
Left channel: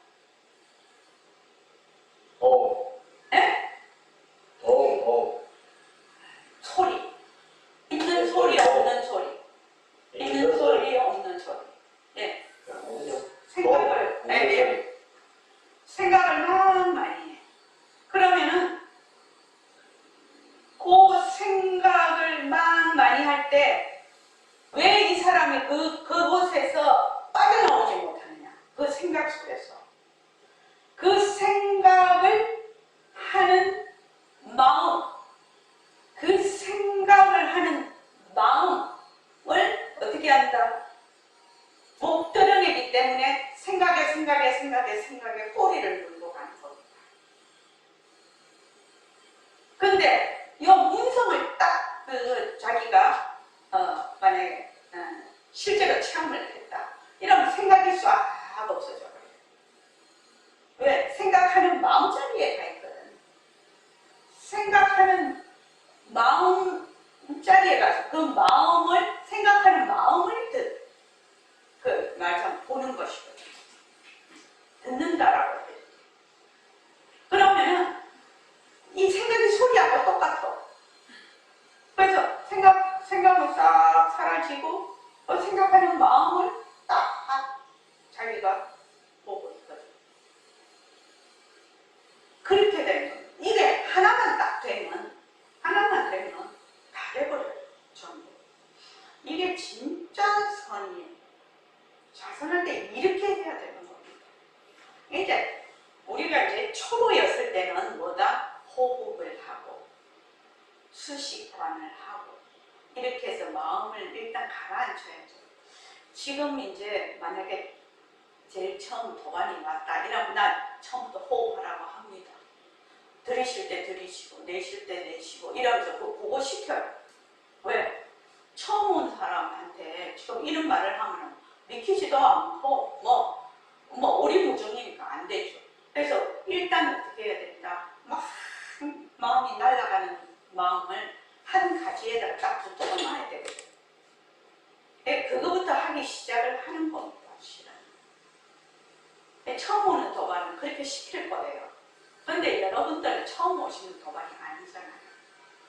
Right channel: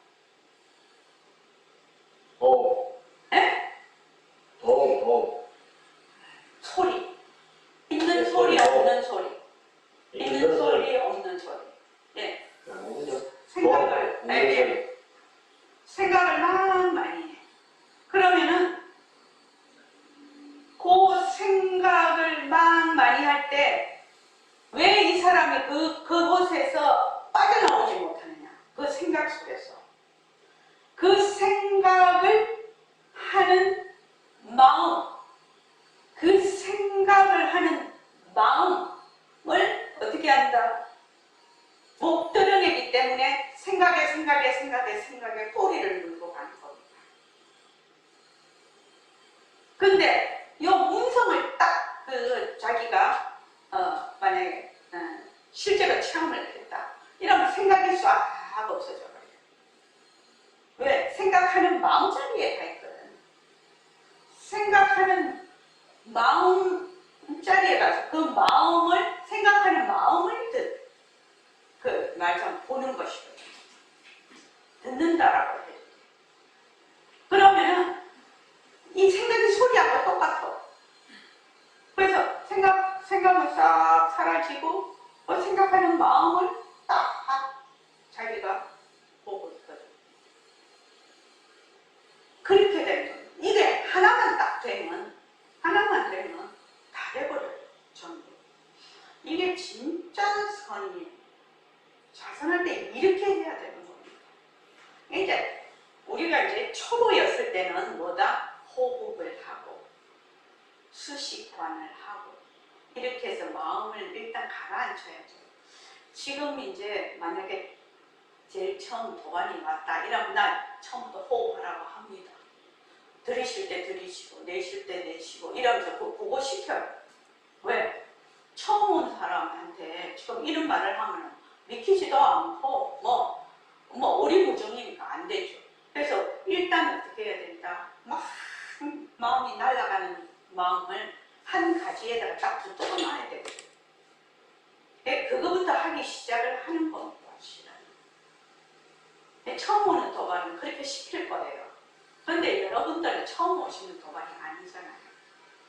예? 소리. 있는 소리, 없는 소리. 있는 소리, 없는 소리. 예. 생각을 막 많이 해. 그러면은 그 생각을 막 많이 할 때 왜 이 사람이 그곳에서 빠져나오지 못하느냐? 그 생각 속에서. 그 생각을 하는 마음, 그 생각을 하는 마음을 어떻게 한다? 못 드러내기 때문에 생각에 꼬리를 물고 가는 겁니다. 근데 이 문성을 딱 자기가 만약에 실제로 체험을 했다. 이러면 생각이 싹 없어져 버려요. 왜? 생각하는 마음자리에 가 있거든. 생각하는 마음자리에 가서 그 마음을, 생각하는 마음을 그 말처럼 보는 것이거든. 듣는다라고 해요. 그러면은 이 생각이 소리하고 똑같아. 그래서 생각은 싹 사라지고 생각하는 마음을 딱 자기가 보고 있거든. 그렇게 되면 이게 하나만 되면 다 돼버려요. 전부. 이게 진짜 선이에요. 자선할 때 이렇게 해야 되는 겁니다. 이제 우리가 이제 초보였을 때는 뭐다? 호흡을 하고 수식관을 하고 이렇게 해서 마음을 일단 가라앉혀야죠. 지금 이제 만약에 제일 처음 도관이 왔다 이러면 난 처음부터 호흡하라고 합니다. 들이쉴 때 들이쉬고 내쉴 때 내쉬고 이러면서 그거 시켜요. 왜? 처음 온 사람한테 지금 이런 말을 하면 믿기지도 않고 오리무중이니까 안 되죠. 그래서 일단 어떻게 해야 된다? 막 마음이 날아가는 마음을 한 가지에다가 딱 붙잡아 놔야 되거든요. 그거부터 하기 시작을 하는 겁니다. 실은. 처음 오는 도반은 그렇게 시킬 거예요. 그런데 여러분들은 처음 오시는 도반이 아니잖아요.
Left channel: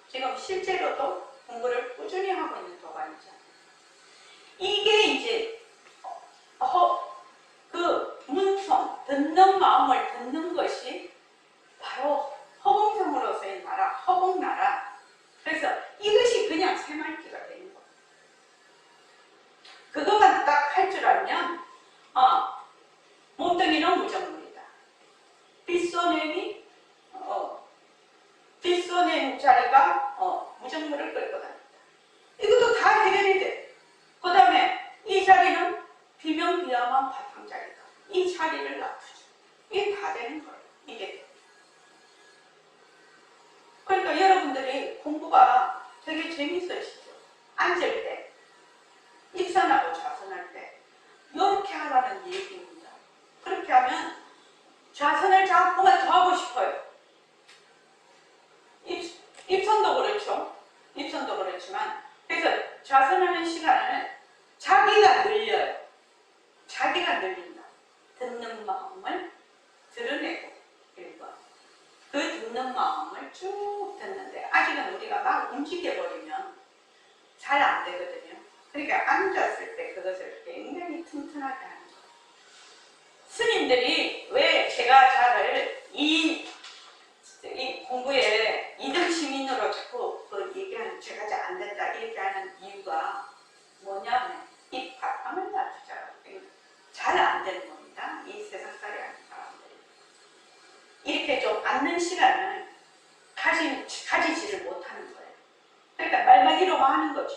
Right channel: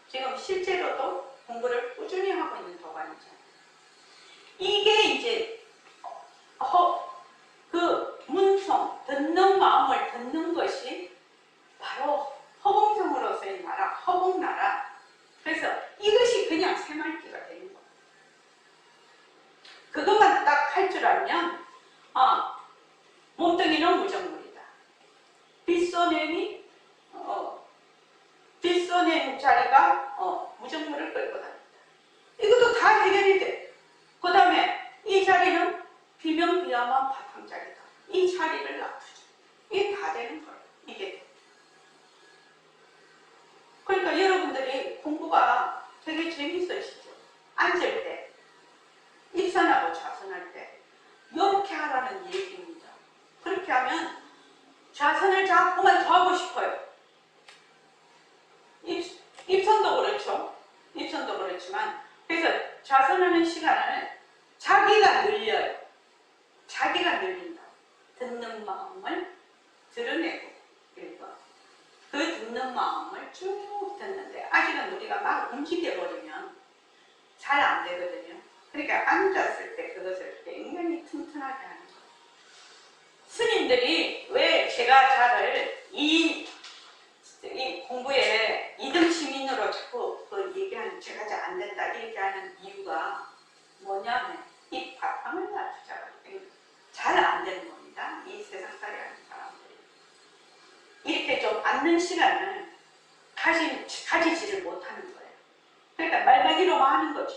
지금 실제로도 공부를 꾸준히 하고 있는 도반이잖아요. 이게 이제 그 문성, 듣는 마음을 듣는 것이 바로 허공성으로서의 나라, 허공나라. 그래서 이것이 그냥 새말기가 되는 거예요. 그것만 딱 할 줄 알면 몸뚱이는 무정물이다. 빗소냄이 번째 자리가 무정물을 끌고 다닌다. 이것도 다 해결이 돼. 그 다음에 이 자리는 비명비야만 바탕자리다. 이 자리를 놔두죠. 이게 다 되는 거예요. 이게. 그러니까 여러분들이 공부가 되게 재밌으시죠. 앉을 때, 입선하고 좌선할 때 이렇게 하라는 얘기입니다. 그렇게 하면 좌선을 자꾸만 더 하고 싶어요. 입선도 그렇죠. 입선도 그렇지만 그래서 좌선하는 시간을 자기가 늘려요. 자기가 늘린다. 듣는 마음을 드러내고 1번. 그 듣는 마음을 쭉 듣는데 아직은 우리가 막 움직여버리면 잘 안 되거든요. 그러니까 앉았을 때 그것을 굉장히 튼튼하게 하는 거예요. 스님들이 왜 제가 자를 이 공부에 2등 시민으로 자꾸 얘기하는 제가 잘 안 된다 이렇게 하는 이유가 뭐냐면 이 바탕을 놔두자. 잘 안 되는 겁니다. 이 세상살이 하는 사람들이. 이렇게 좀 앉는 시간을 가지지를 못하는 거예요. 그러니까 말만이로만 하는 거죠.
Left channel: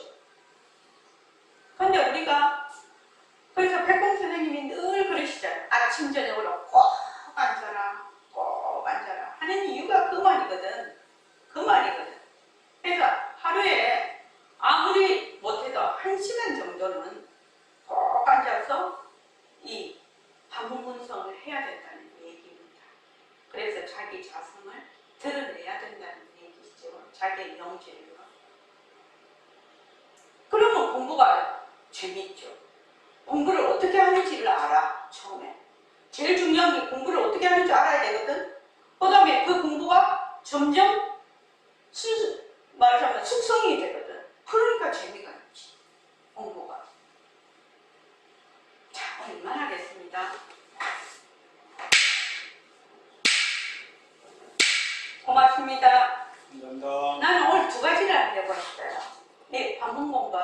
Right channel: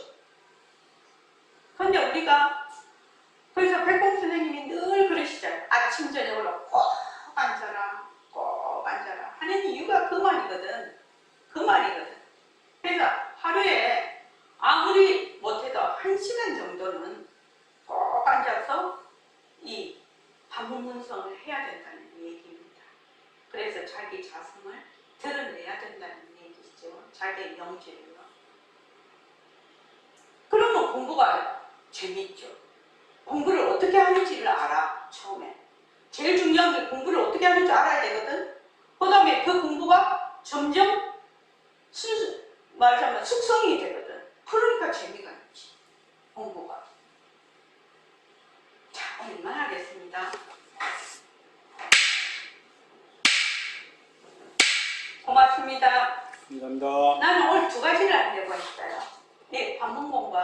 그런데 우리가 그래서 백공 선생님이 늘 그러시잖아요. 아침 저녁으로 꼭 앉아라, 꼭 앉아라 하는 이유가 그 말이거든. 그 말이거든. 그래서 하루에 아무리 못해도 1시간 정도는 꼭 앉아서 이 반문문성을 해야 된다는 얘기입니다. 그래서 자기 자성을 드러내야 된다는 얘기죠. 자기의 명제를요. 그러면 공부가 재밌죠. 공부를 어떻게 하는지를 알아. 처음에 제일 중요한 게 공부를 어떻게 하는지 알아야 되거든. 그 다음에 그 공부가 점점 말하자면 숙성이 되거든. 그러니까 재미가 있지. 공부가. 자, 오늘 이만하겠습니다. 고맙습니다. 감사합니다. 나는 오늘 2가지를 하려고 했어요. 네, 반문 공부.